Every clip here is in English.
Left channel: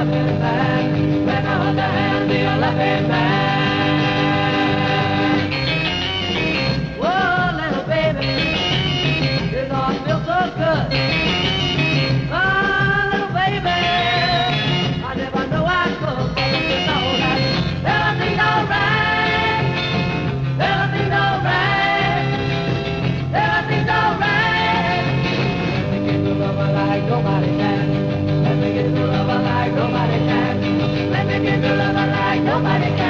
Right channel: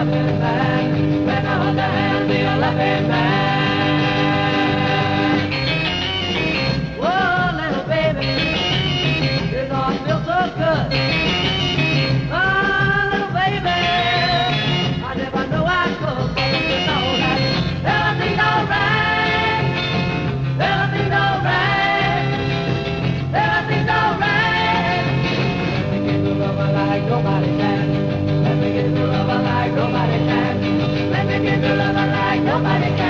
loving man. Let me hold your hand, be your loving man. Whoa, little baby, you don't feel so good. Oh, little baby, I never knew I could. But you know that everything's alright. Everything's alright. Everything's alright. Give you love like nobody can. Let me give you love like nobody can. Let me give you love like nobody can.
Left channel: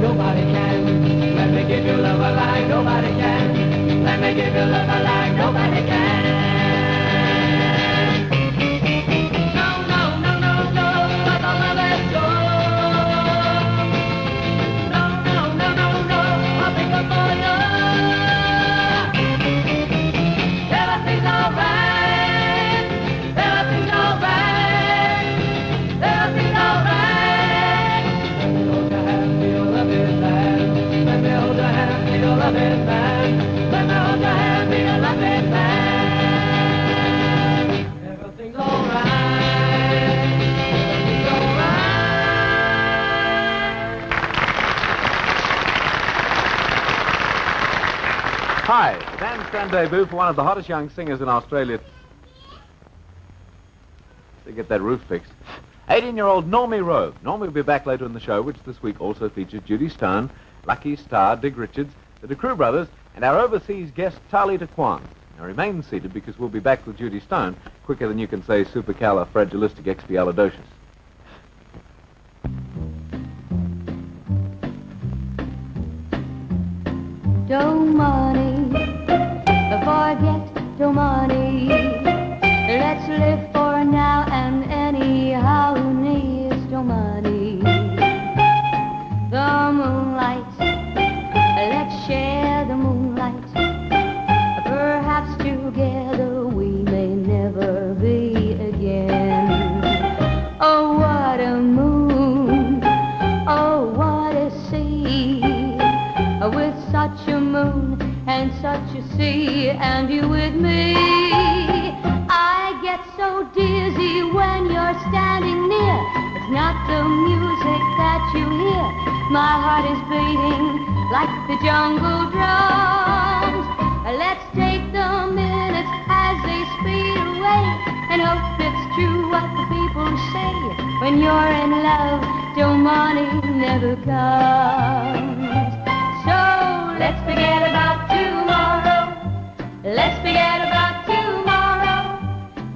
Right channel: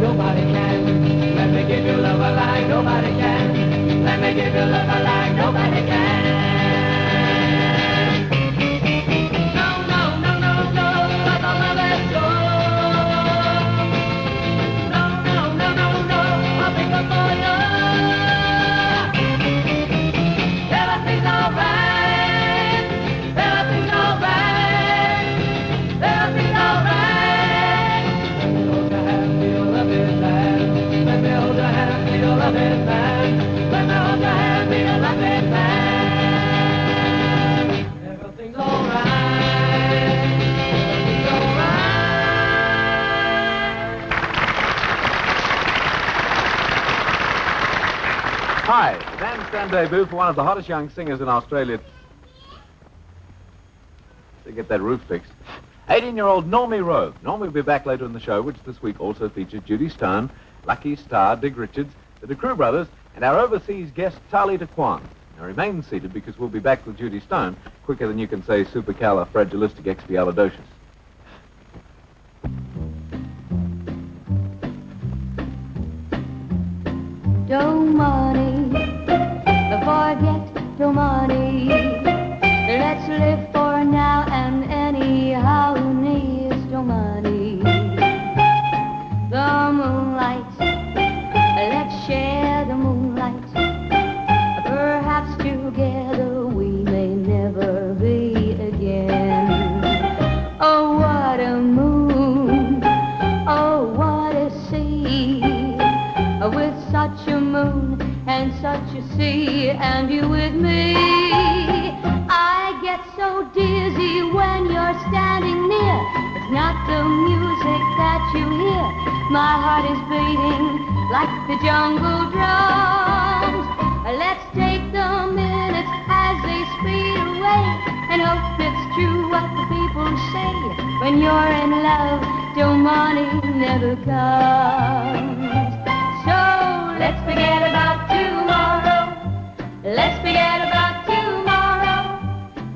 Nobody can. Let me give you love like nobody can. Let me give you love like nobody can. No, no, no, no, no, I don't let it go. No, no, no, no, no, I'll pick up for you. Everything's alright. Everything's alright. Everything's alright. Hold your hand to your loving man. Let me hold your hand to your loving man. Let me hold your hand to your loving man. Everything's alright. Everything's alright. Hi, Bandstand debut for one of the hottest young singers in Australia. To get that roof fixed. 18-year-old Normie Rowe. Normie will be back later in the show, which this week also features Judy Stone, Lucky, Starr, Dick Richards, the Kroo Brothers, and our overseas guest, Tarrlita Kwan. Now remain seated because we'll be back with Judy Stone quicker than you can say supercalifragilisticexpialidocious. Don't money, forget the money. Let's live for now and anyhow needs no money. The moonlight, let's share the moonlight. Perhaps together we may never be again. Oh, what a moon, oh, what a sea. With such a moon and such a sea, and you with me. I get so dizzy when you're standing near. It's not the music that you hear. My heart is beating like the jungle drums. Let's take the minutes as they speed away and hope it's true what the people say. When you're in love, your money never comes. So let's forget about tomorrow. Let's forget about tomorrow.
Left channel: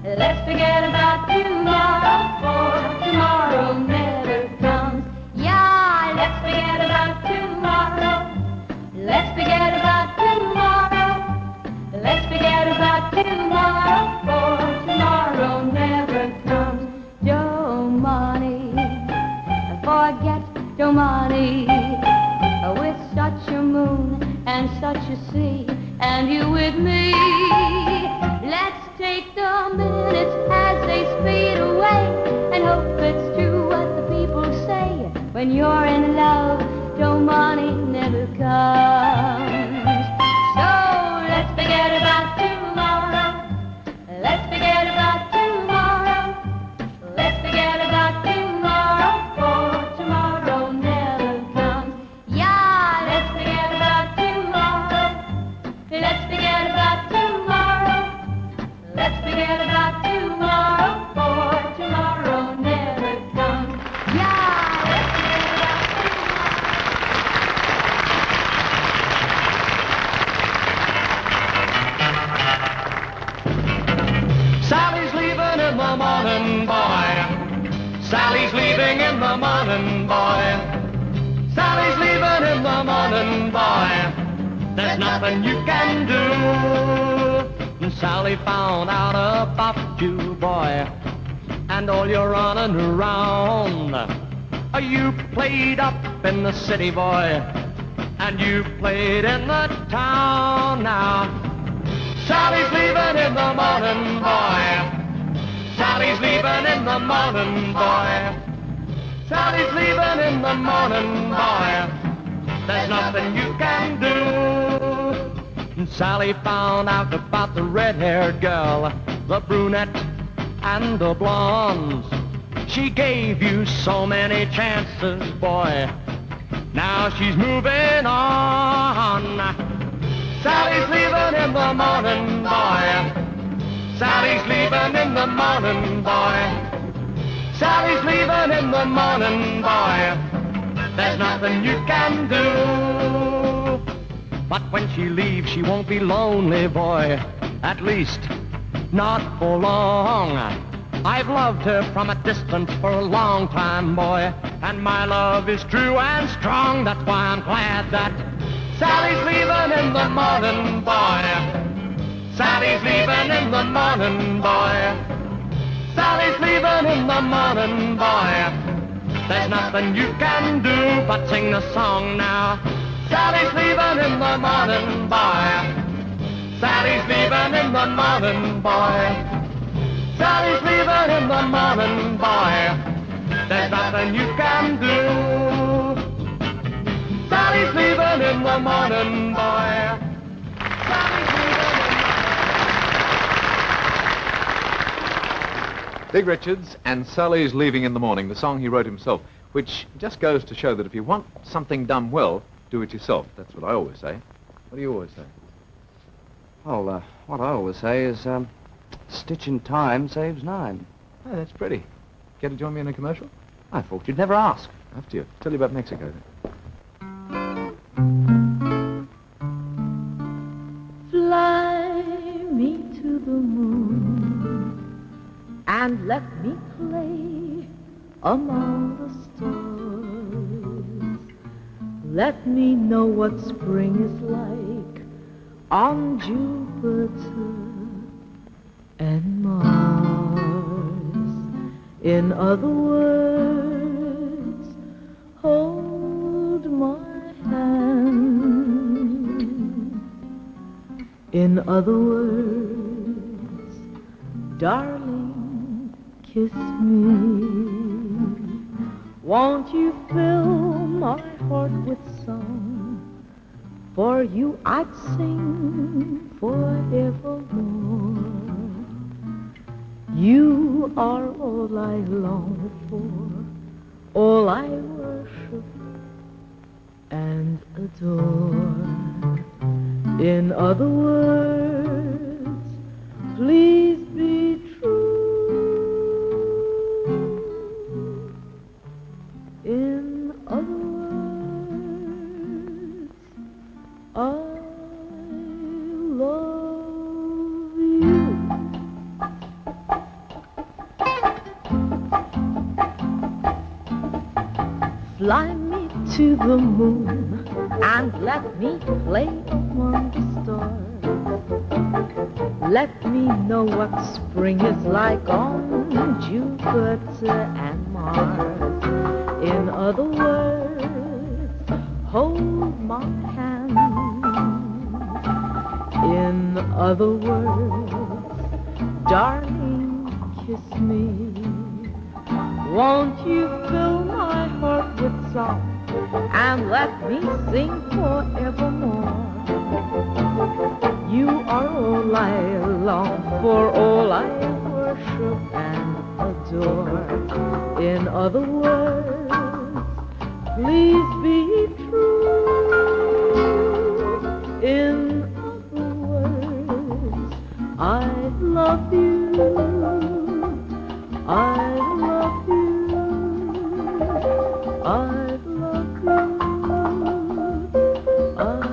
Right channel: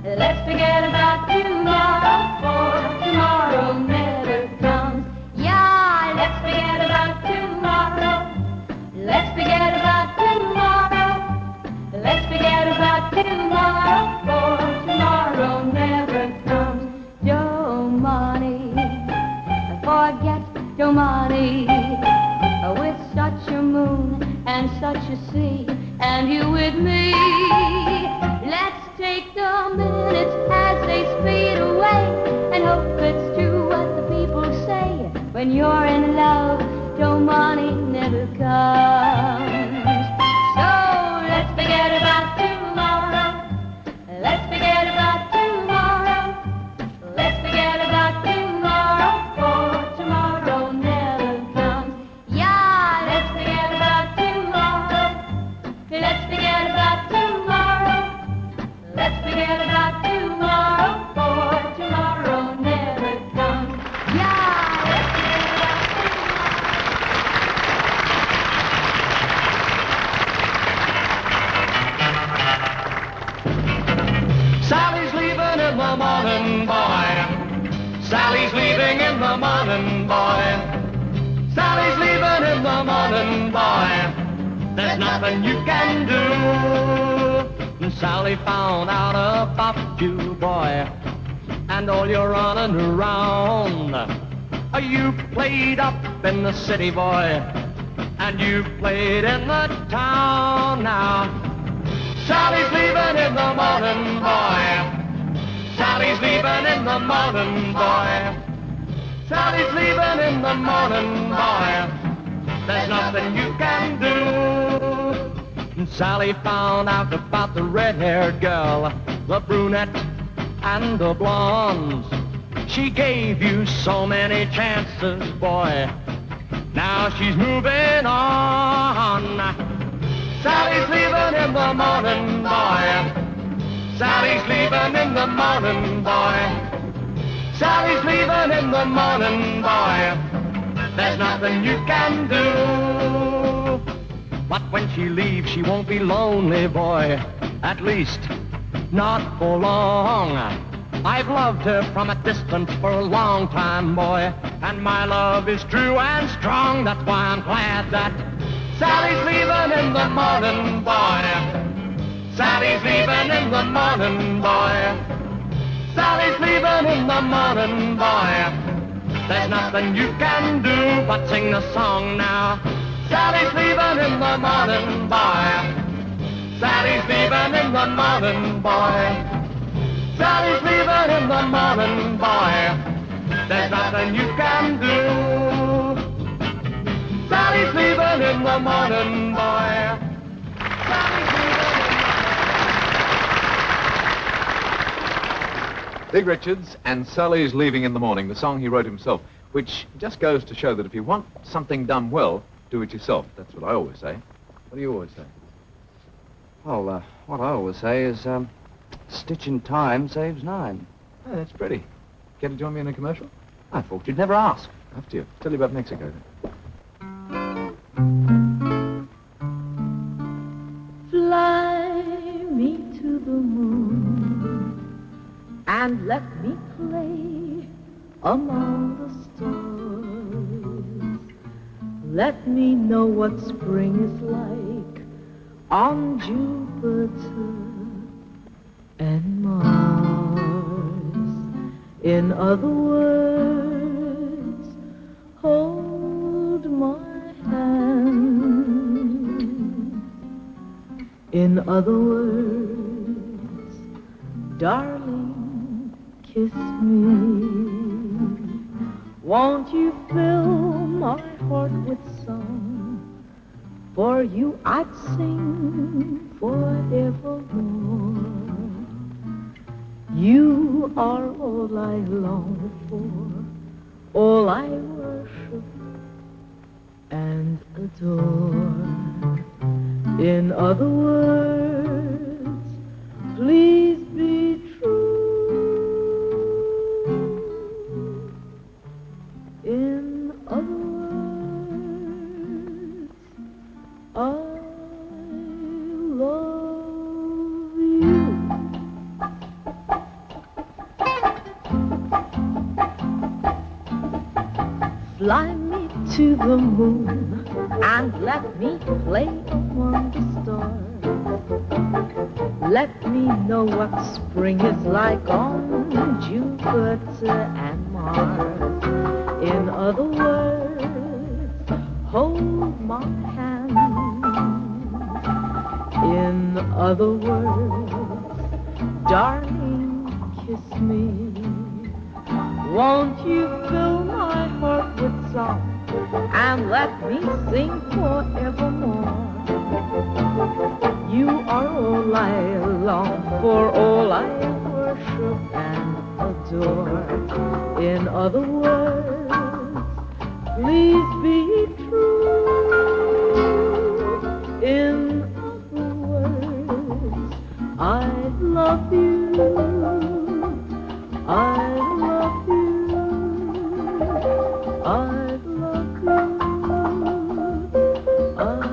Let's forget about tomorrow, for tomorrow never comes. Yeah, let's forget about tomorrow. Let's forget about tomorrow. Let's forget about tomorrow, for tomorrow never comes. Your money, forget your money. With such a moon and such a sea, and you with me. Let's take the minutes as they speed away and hope it's true what the people say. When you're in love, your money never comes. So let's forget about tomorrow. Let's forget about tomorrow. Let's forget about tomorrow, for tomorrow never comes. Yeah, let's forget about tomorrow. Let's forget about tomorrow. Let's forget about tomorrow, for tomorrow never comes. Yeah, let's Sally's leaving in the morning, boy. Sally's leaving in the morning, boy. Sally's leaving in the morning, boy. There's nothing you can do. Sally found out about you, boy, and all your running around. You played up in the city, boy, and you played in the town now. Sally's leaving in the morning, boy. Sally's leaving in the morning, boy. Sally's leaving in in the morning, boy. There's nothing you can do. Sally found out about the red-haired girl, the brunette and the blondes. She gave you so many chances, boy. Now she's moving on. Sally's leaving in the morning, boy. Sally's leaving in the morning, boy. Sally's leaving in the morning, boy. There's nothing you can do. But when she leaves, she won't be lonely, boy. At least, not for long. I've loved her from a distance for a long time, boy. And my love is true and strong. That's why I'm glad that Sally's leaving in the morning, boy. Sally's leaving in the morning, boy. Sally's leaving in the morning, boy. There's nothing you can do but sing the song now. Sally's leaving in the morning, boy. Sally's leaving in the morning, boy. Sally's leaving in the morning, boy. There's nothing you can do. Sally's leaving in the morning, boy. Sally's leaving. Big Richards and Sally's Leaving in the Morning, the song he wrote himself, which just goes to show that if you want something done well, do it yourself. That's what I always say. What do you always say? Well, what I always say is, stitch in time saves 9. Oh, that's pretty. Care to join me in a commercial? I thought you'd never ask. After you. Tell you about Mexico. Fly me to the moon and let me play among the stars. Let me know what spring is like on Jupiter and Mars. In other words, hold my hand. In other words, darling, kiss me. Won't you fill my heart with song? For you I'd sing forevermore. You are all I long for, all I worship and adore. In other words, please be true. In other words, I love you. Fly me to the moon and let me play among the stars. Let me know what spring is like on Jupiter and Mars. In other words, hold my hand. In other words, darling, kiss me. Won't you fill my heart with song and let me sing forevermore? You are all I long for, all I worship and adore. In other words, please be true. In other words, I love you. I love you. I love you. I love you.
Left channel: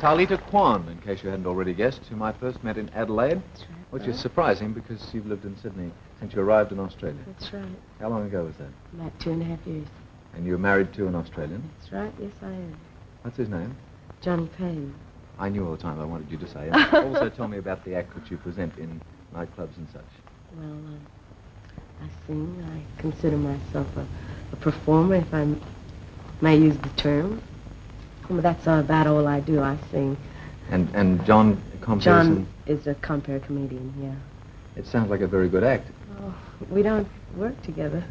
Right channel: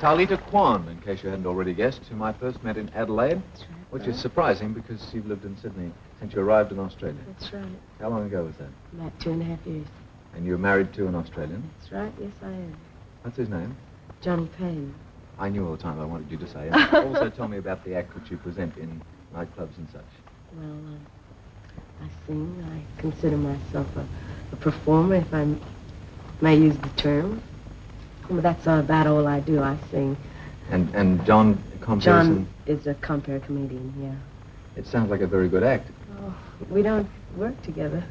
Tarrlita Kwan, in case you hadn't already guessed, whom I first met in Adelaide, which is surprising because you've lived in Sydney since you arrived in Australia. That's right. How long ago was that? About 2.5 years. And you were married to an Australian? That's right. Yes, I am. What's his name? Johnny Payne. I knew all the time I wanted you to say it. Also tell me about the act that you present in nightclubs and such. Well, I sing. I consider myself a performer, if I may use the term. Well, that's about all I do. I sing And John compares John him... is a compere comedian, yeah. It sounds like a very good act. Oh, we don't work together.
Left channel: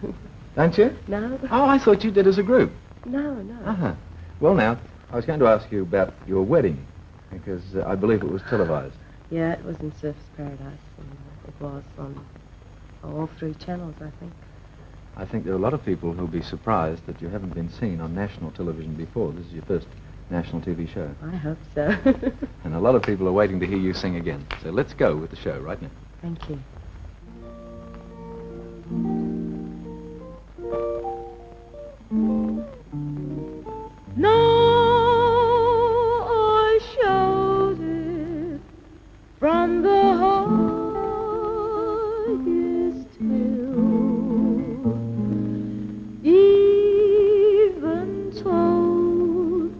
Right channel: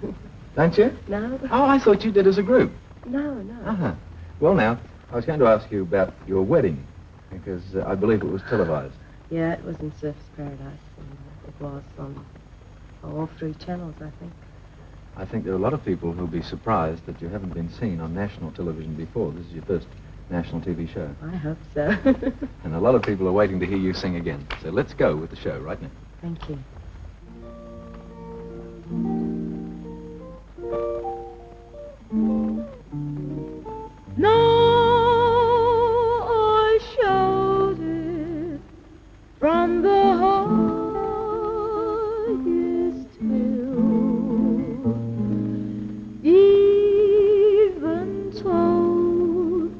Don't you? No. Oh, I thought you did as a group. No. Uh-huh. Well, now, I was going to ask you about your wedding, because I believe it was televised. Yeah, it was in Surf's Paradise, and it was on all 3 channels, I think. I think there are a lot of people who'll be surprised that you haven't been seen on national television before. This is your first national TV show. I hope so. And a lot of people are waiting to hear you sing again. So let's go with the show right now. Thank you. No, I shouted from the highest hill, even told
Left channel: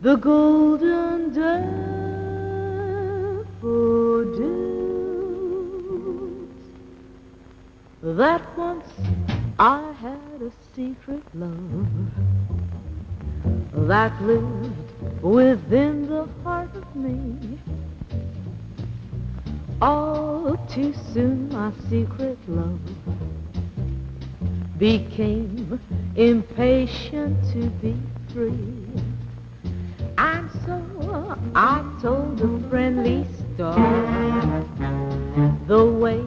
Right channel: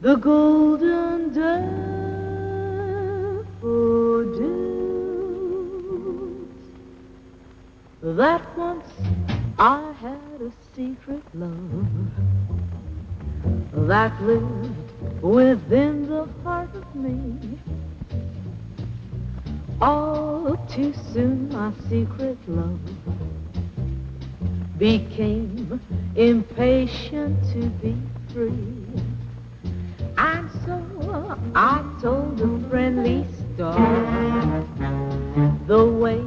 the golden daffodils that once I had a secret love that lived within the heart of me. All too soon my secret love became impatient to be free. And so I told a friendly Starr the way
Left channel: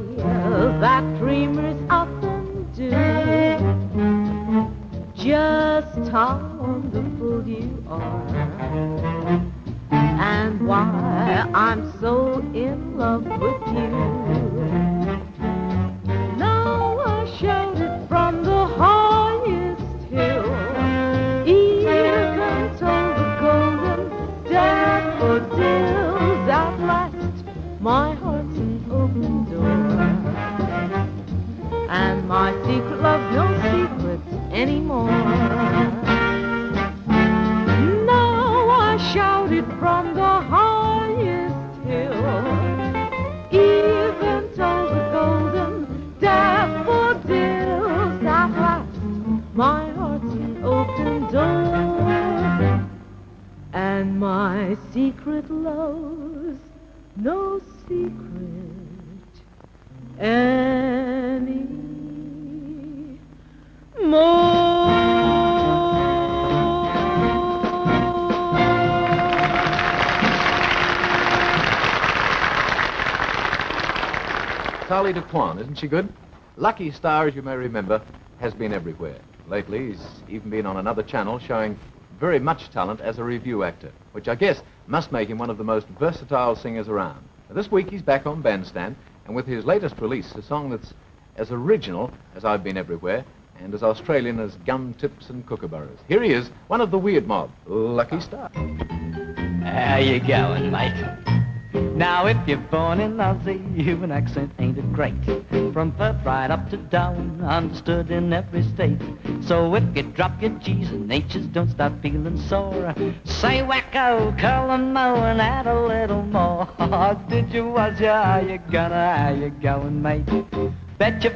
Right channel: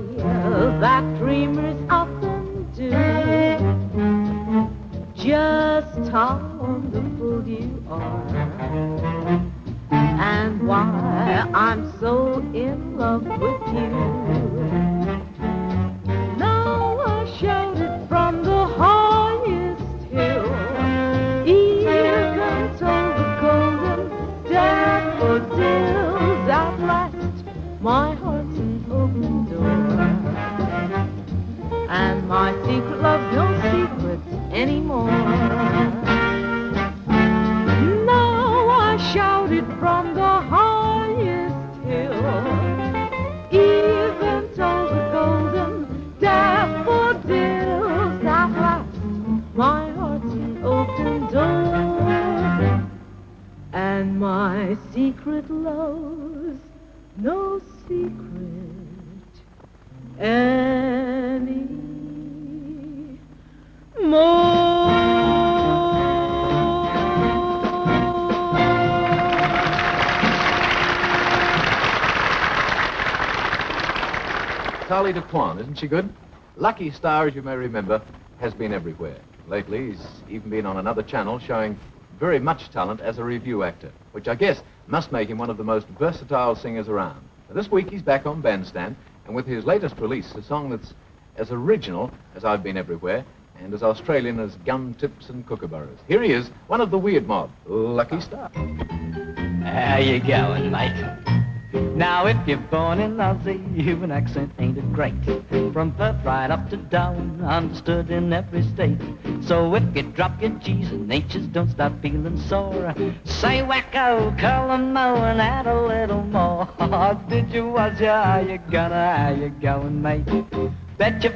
that dreamers often do, just how wonderful you are, and why I'm so in love with you. Now I shouted from the highest hill, even told the golden daffodils at last my heart's an open door, and my secret love no secrets anymore. Now I shouted from the highest hill, even told the golden daffodils at last my heart's an open door, and my secret love's no secret anymore. Tarrlita Kwan, isn't she good? Lucky Starr, as you may remember, has been everywhere. Lately, he's even been on another channel showing very much talent as a review actor, which I guess must make him one of the most versatile singers around. Now, this week he's back on Bandstand, and with his latest release, a song that's as original as I've Been Everywhere and as Australian as Gum Tips and Kookaburras. Here he is, one of the weird mob, Lucky Starr. How you going, mate? Now, if you're born in Aussie, you've an accent, ain't it great? From Perth right up to Darwin, understood in every state. So if you drop your G's and H's, don't stop feeling sore. Say wacko, curl and mow, and add a little more. Did you, was ya, how you gonna, how you going, mate? Betcha,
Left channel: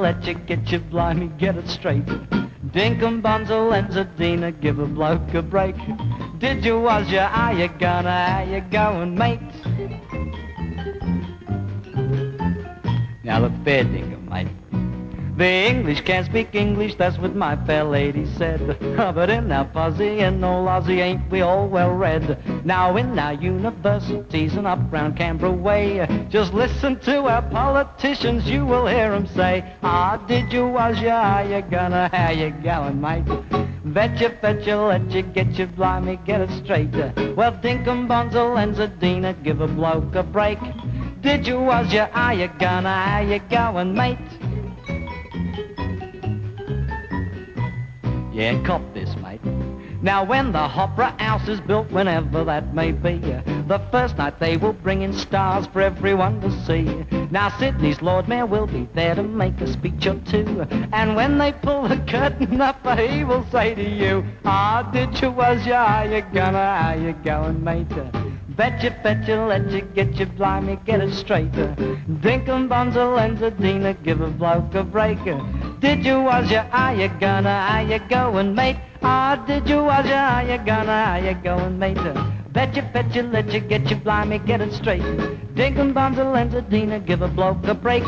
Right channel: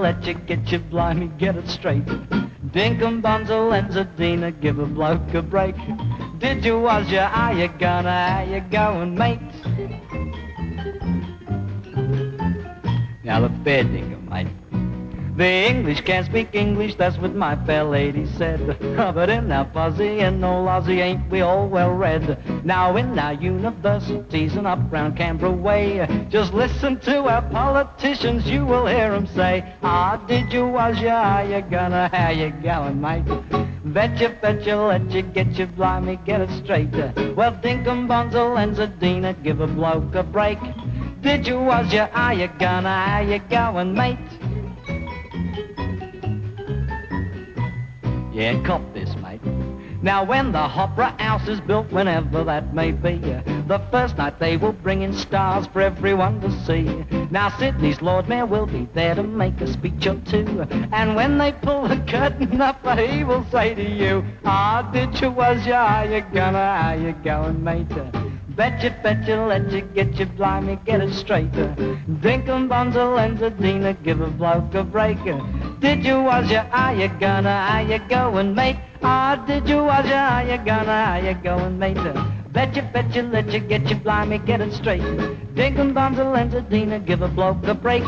let you get you blimey, get it straight. Dinkum, Bonzo, and Zadina, give a bloke a break. Did you, was ya, how you gonna, how you going, mate? Now look fair dinkum, mate. The English can't speak English, that's what my fair lady said. But in our fuzzy and old Aussie ain't we all well read? Now in our universities and up round Canberra way, just listen to our politicians, you will hear them say, did you, was ya, how you gonna, how you going, mate? Betcha, let you get you blimey, get it straight. Well, Dinkum, Bonzo, and Zadina, give a bloke a break. Did you, was ya, how you gonna, how you going, mate? Yeah, cop this, mate. Now when the opera house is built, whenever that may be, the first night they will bring in stars for everyone to see. Now Sydney's Lord Mayor will be there to make a speech or two, and when they pull the curtain up, he will say to you, did you, was ya, how you gonna, how you going, mate? Betcha, let you get you blimey, get it straight. Dinkum, Bonzo, and Zadina, give a bloke a break. Did you, was ya, how you gonna, how you going, mate? Did you, was ya, how you gonna, how you going, mate? Fetch you, let you, get you, blimey, get it straight. Dinkum bundle and Zadina, give a bloke a break.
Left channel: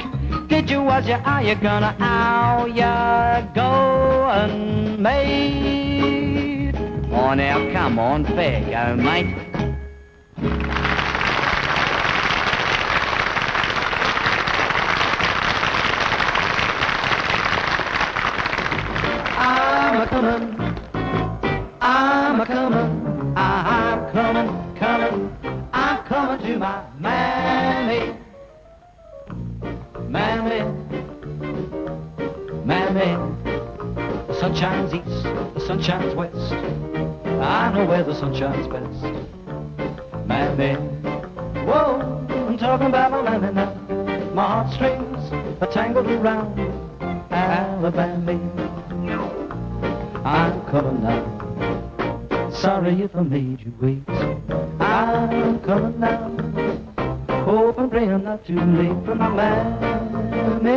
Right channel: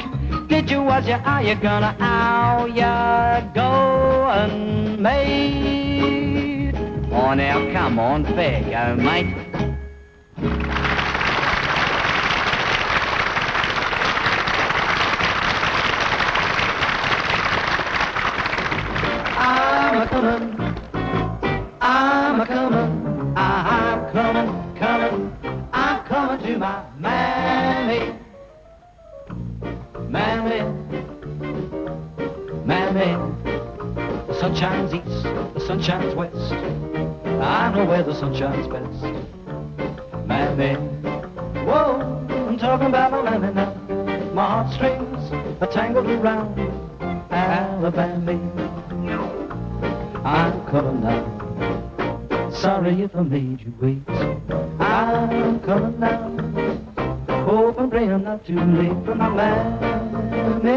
Did you, was you, are you gonna, how you going, mate? Oh, now, come on, fair go, mate. I'm coming to my mammy. The sun shines east, the sun shines west. I know where the sun shines best. Mammy, whoa, I'm talking about my mammy now. My heartstrings are tangled around Alabama. I'm coming now. Sorry if I made you wait. I'm coming now. Hope and pray I'm not too late for my mammy.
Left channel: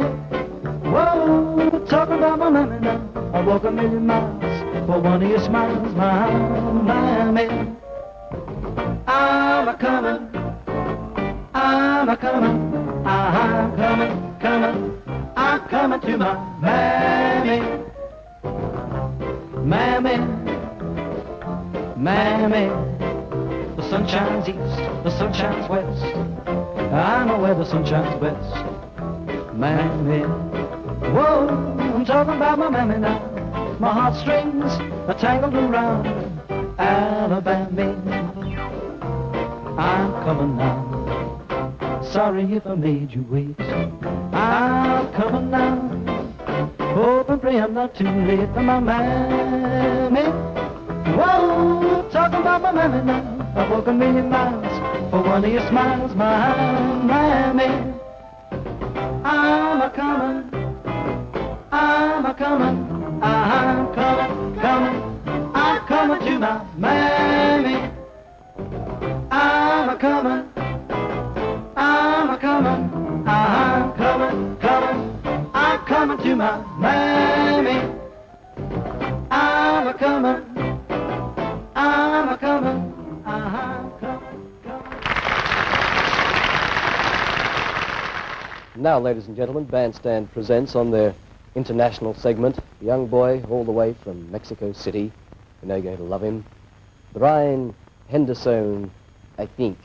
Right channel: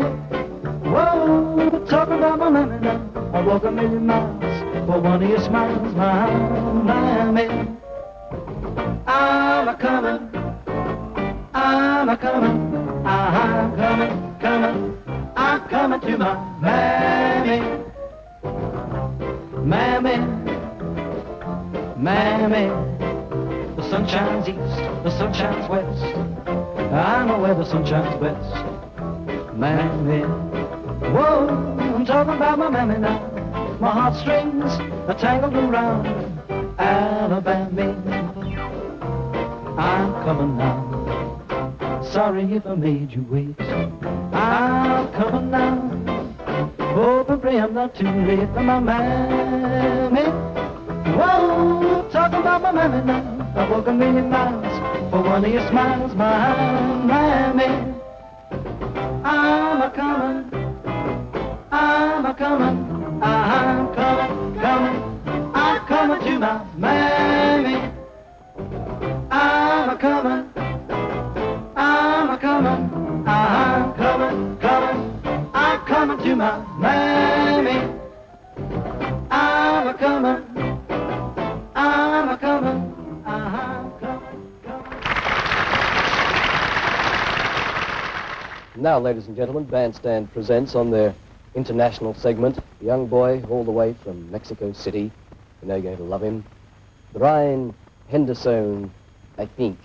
Whoa, talking about my mammy now. I walk a million miles for one of your smiles, my mammy. I'm a-coming, I'm coming to my mammy. Mammy, the sun shines east, the sun shines west. I know where the sun shines best. Mammy, whoa, I'm talking about my mammy now. My heartstrings are tangled around Alabama. I'm coming now. Sorry if I made you wait. I'm coming now. Hope and pray I'm not too late for my mammy. Whoa, talking about my mammy now. I walk a million miles for one of your smiles, my mammy. I'm a-coming, I'm coming to my mammy. I'm coming to my mammy. I'm coming. Now, ladies and gentlemen, Bandstand presents on their international segment, a young boy all the way from Mexico City. You know you're going to love him. Brian Henderson, I think.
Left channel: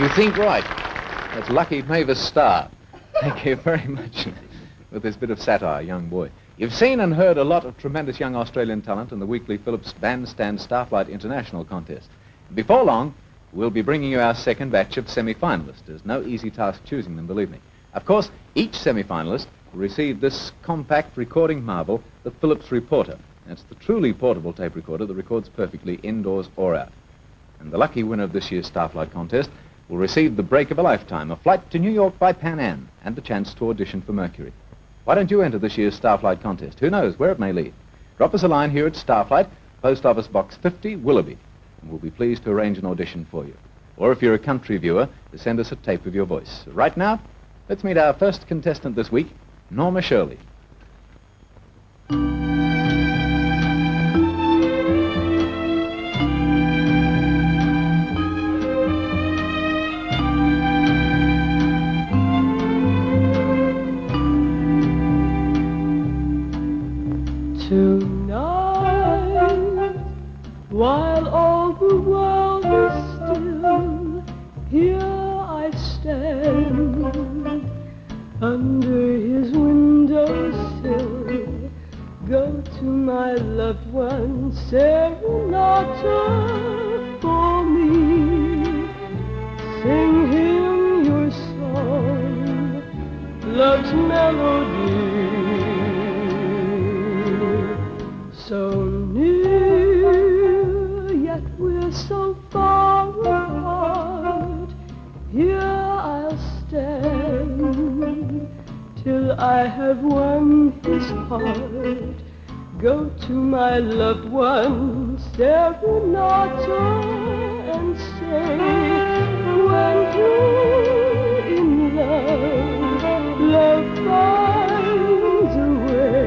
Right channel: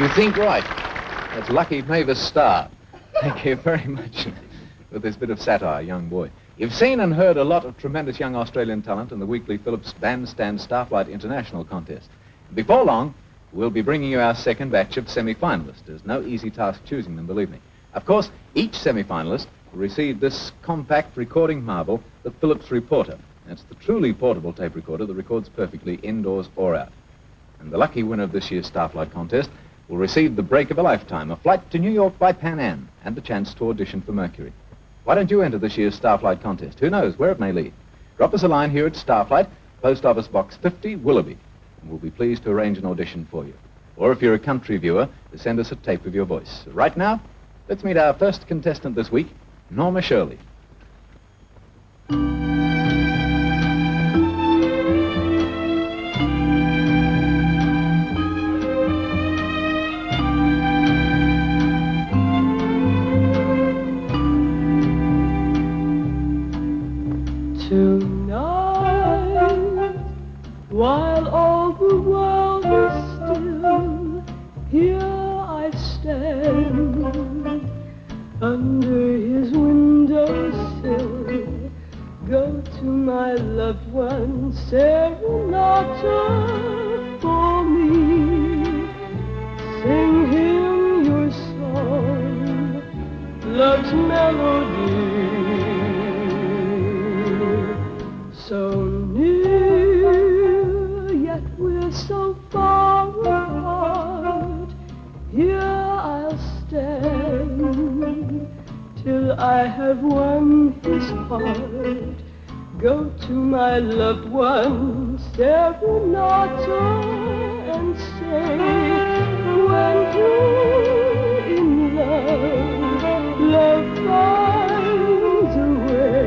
You think right. It's lucky Mavis Starr. Thank you very much. With this bit of satire, young boy. You've seen and heard a lot of tremendous young Australian talent in the weekly Phillips Bandstand Starflight International contest. Before long, we'll be bringing you our second batch of semi-finalists. There's no easy task choosing them, believe me. Of course, each semi-finalist will receive this compact recording marvel, the Phillips Reporter. That's the truly portable tape recorder that records perfectly indoors or out. And the lucky winner of this year's Starflight contest will receive the break of a lifetime, a flight to New York by Pan Am, and the chance to audition for Mercury. Why don't you enter this year's Starflight contest? Who knows where it may lead? Drop us a line here at Starflight, Post Office Box 50, Willoughby, and we'll be pleased to arrange an audition for you. Or if you're a country viewer, to send us a tape of your voice. Right now, let's meet our first contestant this week, Norma Shirley. While all the world is still, here I stand under his windowsill. Go to my loved one, serenata for me. Sing him your song, love's melody. So yet we're so far apart. Here I'll stand till I have won his heart. Go to my loved one, serenata, and say, when two in love finds a way.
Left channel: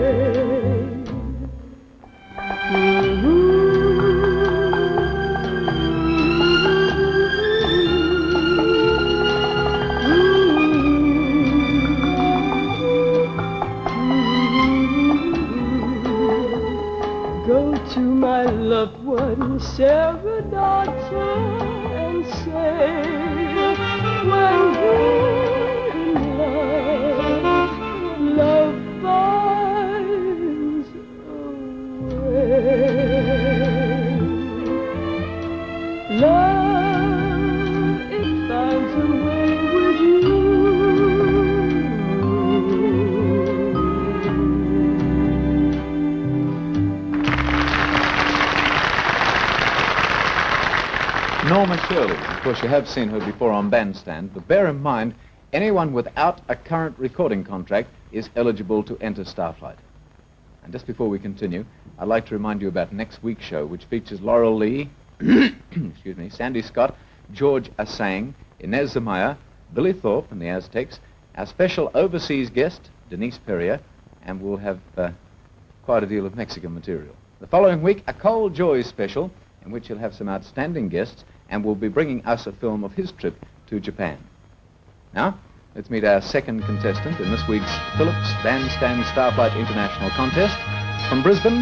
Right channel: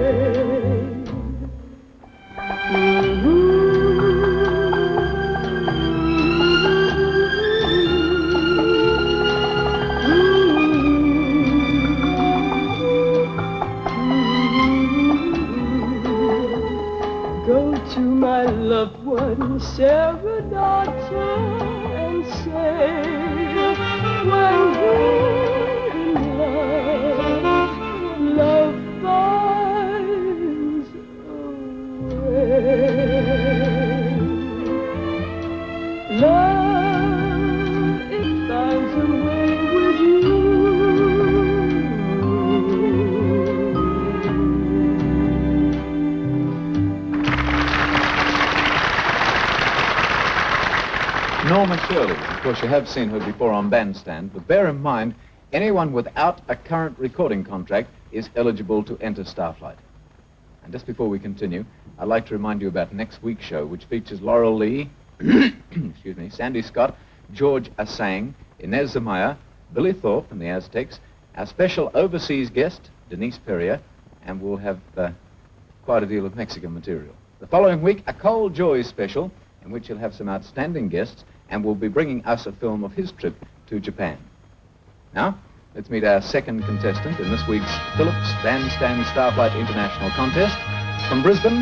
serenata and say, when we're in love, love finds a way. Love, it finds a way with you. Norma Shirley. Of course, you have seen her before on Bandstand, but bear in mind, anyone without a current recording contract is eligible to enter Starflight. And just before we continue, I'd like to remind you about next week's show, which features Laurel Lee, excuse me, Sandy Scott, George Asang, Inez Zamaya, Billy Thorpe and the Aztecs, our special overseas guest, Denise Perrier, and we'll have quite a deal of Mexican material. The following week, a Cold Joy special, in which he'll have some outstanding guests, and will be bringing us a film of his trip to Japan. Now, let's meet our second contestant in this week's Phillips Bandstand Starflight International Contest. From Brisbane,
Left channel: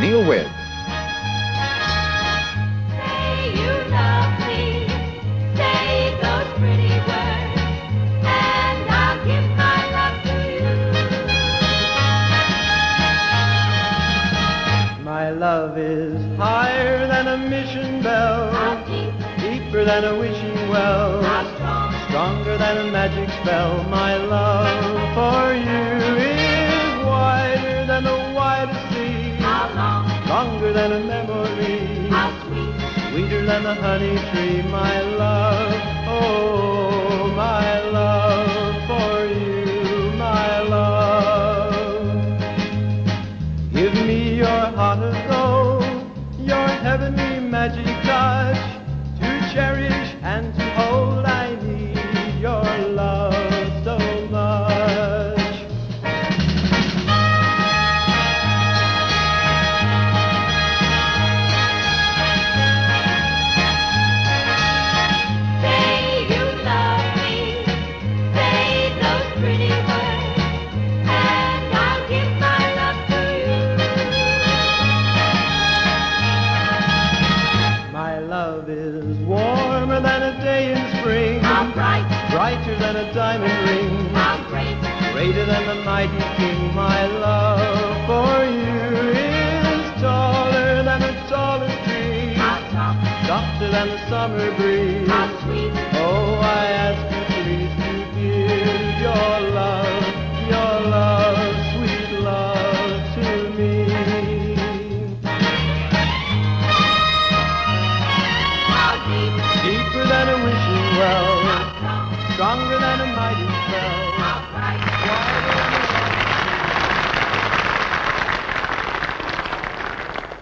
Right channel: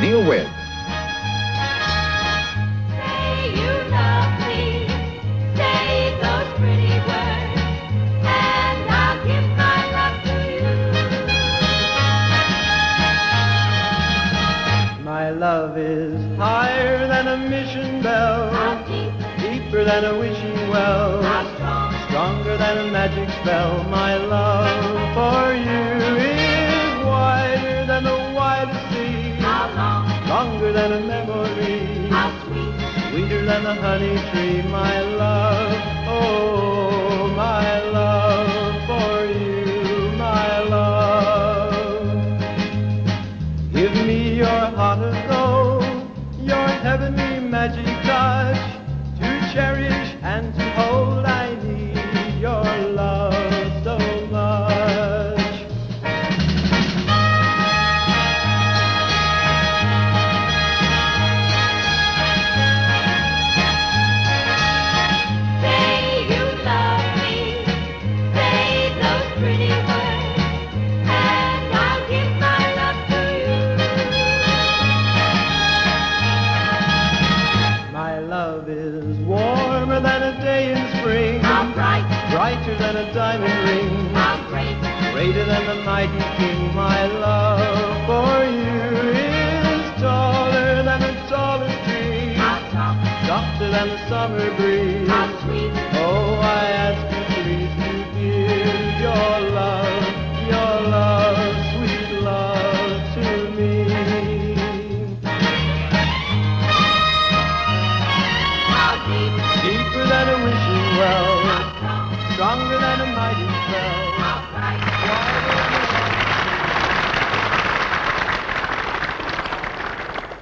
Neal Webb. Say you love me, say those pretty words, and I'll give my love to you. My love is higher than a mission bell, deeper than a wishing well, stronger than a magic spell. My love for you is wider than the widest sea, longer than a memory, sweeter than the honey tree. My love, oh, my love for you, my love. Give me your heart of gold, your heavenly magic touch, to cherish and to hold. I need your love so much. Say you love me, say those pretty words, and I'll give my love to you. My love is warmer than a day in spring, How bright, brighter than a diamond ring, how great, greater than the mighty king. My love for you is taller than a tallest tree, how top, softer than the summer breeze. how sweet. Oh, I ask you please to give your love, sweet love to me. How deep, Deeper than a wishing well, how strong, stronger than a mighty spell. how bright.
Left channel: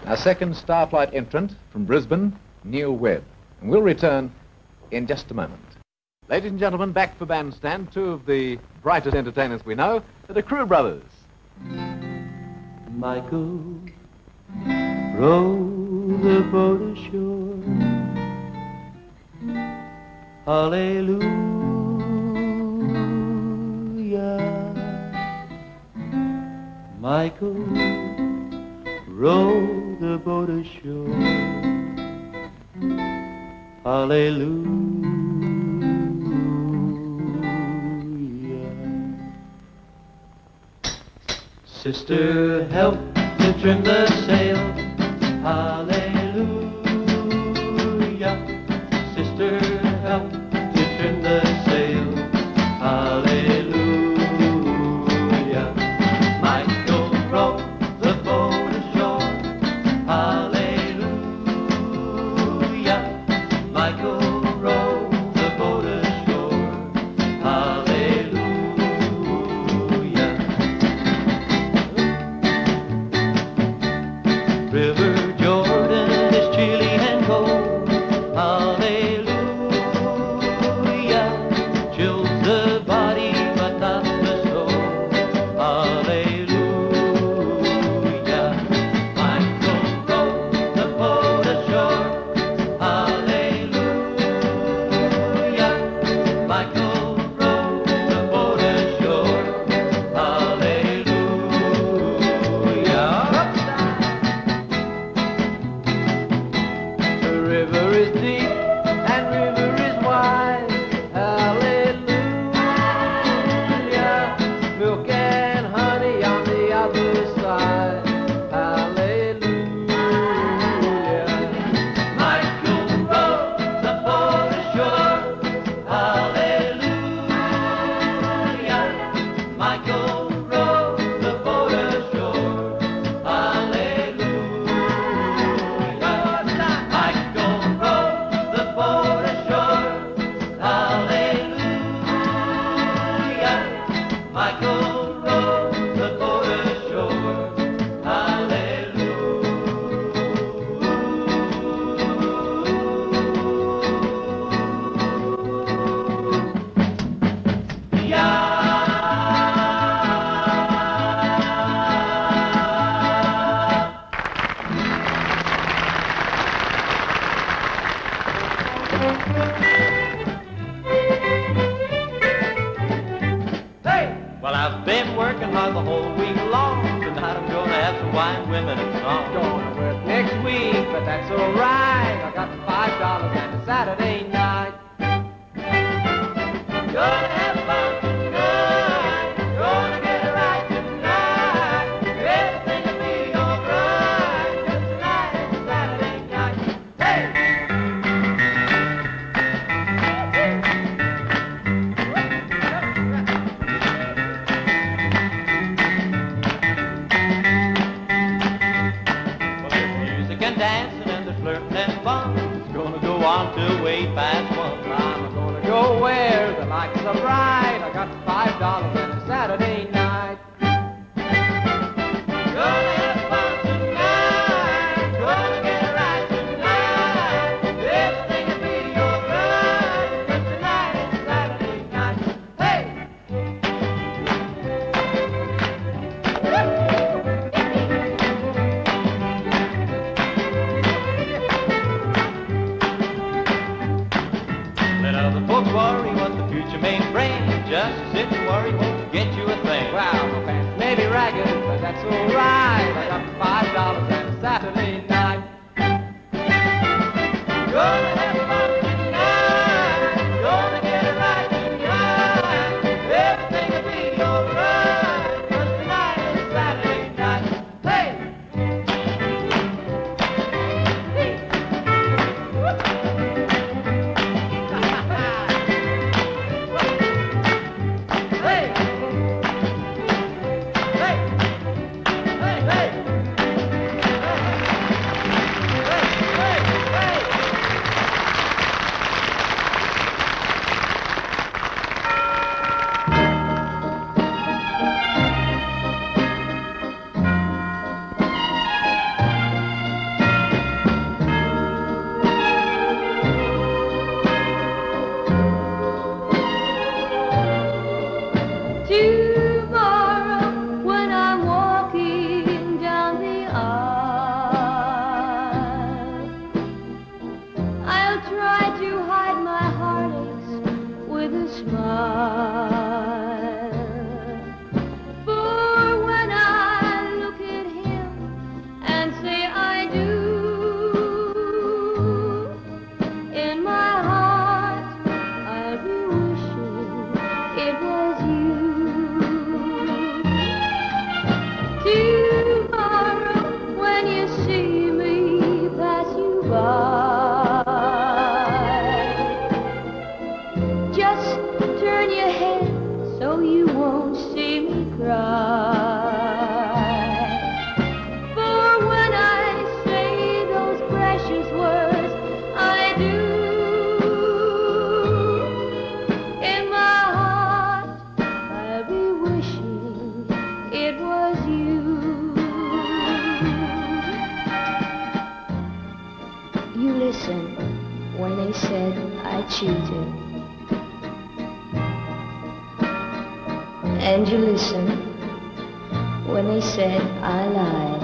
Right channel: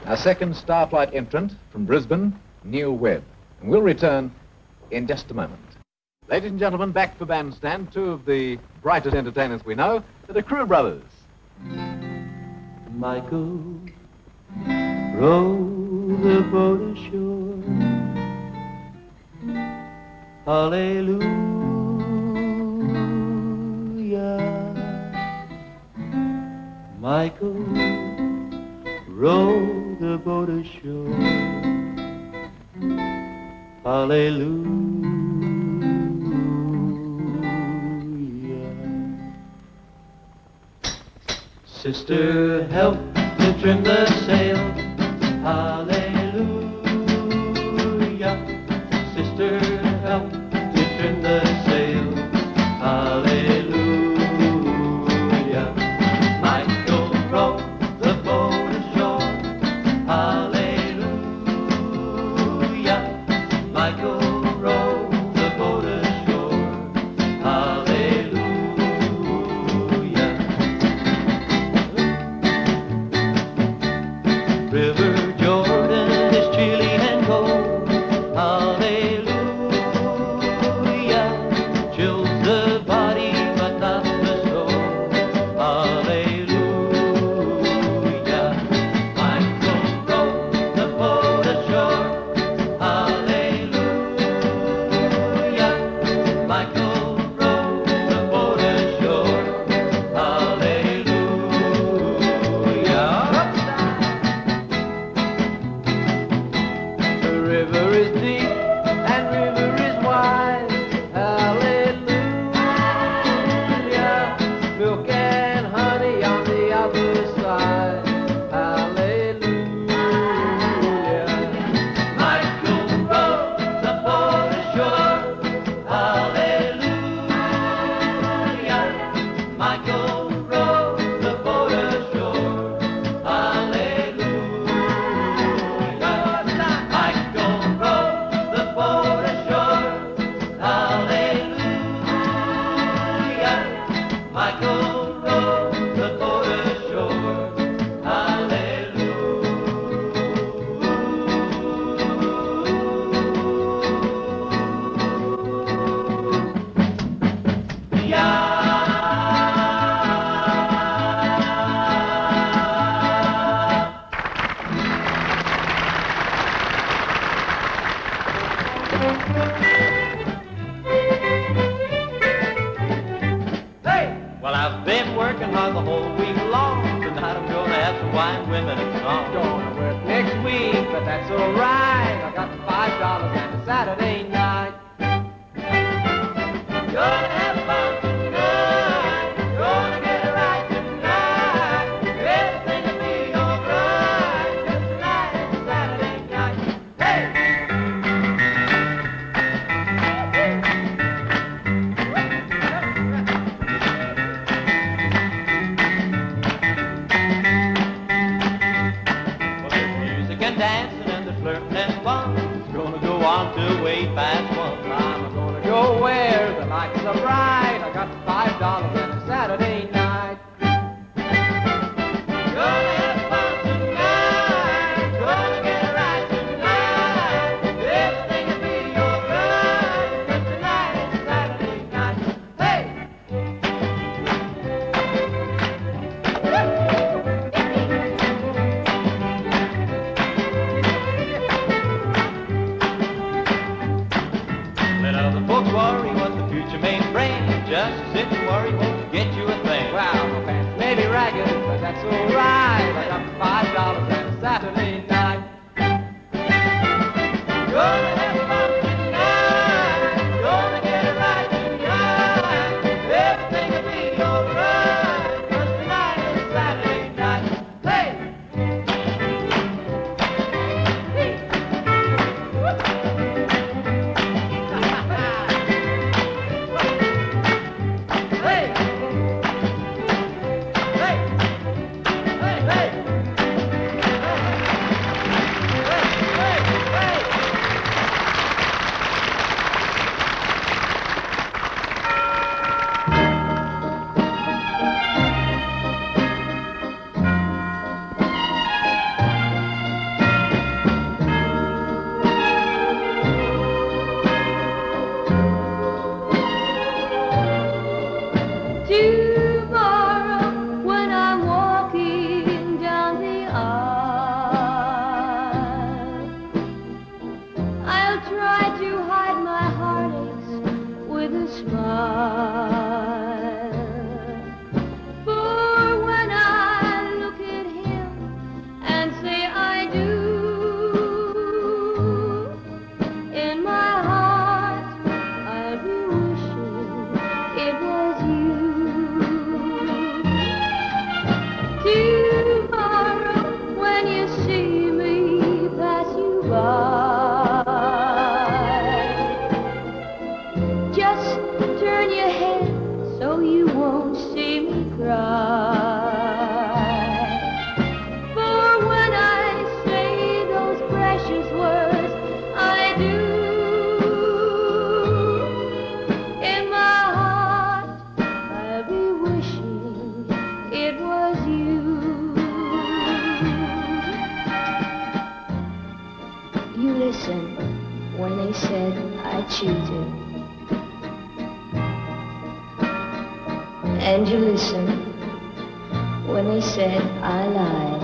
Our second Starflight entrant from Brisbane, Neal Webb. And we'll return in just a moment. Ladies and gentlemen, back for Bandstand, two of the brightest entertainers we know, the Kroo Brothers. Michael, row the boat ashore. Hallelujah. Michael, row the boat ashore. Hallelujah. Sister, help me trim the sail. Hallelujah. Sister, help me trim the sail. Hallelujah. Michael, row the boat ashore. Hallelujah. Michael, row the boat ashore. Hallelujah. River Jordan Well, I've been working hard the whole week long. Tonight I'm gonna have some white women and song. Gonna work next week, but that's alright. I got $5 and a Saturday night. Gonna have fun tonight. Gonna get it right tonight. Everything will be alright. Just tonight and Saturday night. Hey! And dancing and the flirting and fun. It's gonna go on till way past 1. I'm gonna go where the lights are bright. I got $5 and a Saturday night. Gonna have fun tonight. Gonna get it right tonight. Everything will be alright. But tonight is Saturday night. Hey! Folks worry what the future may bring. Just sit and worry won't get you a thing. Wow, my pants may be ragged, but that's alright. I got $5 and a Saturday night. Gonna have fun tonight. Gonna get it right tonight. Everything will be alright. 'Cause tonight is Saturday night. Hey! And you listened when they said I lied.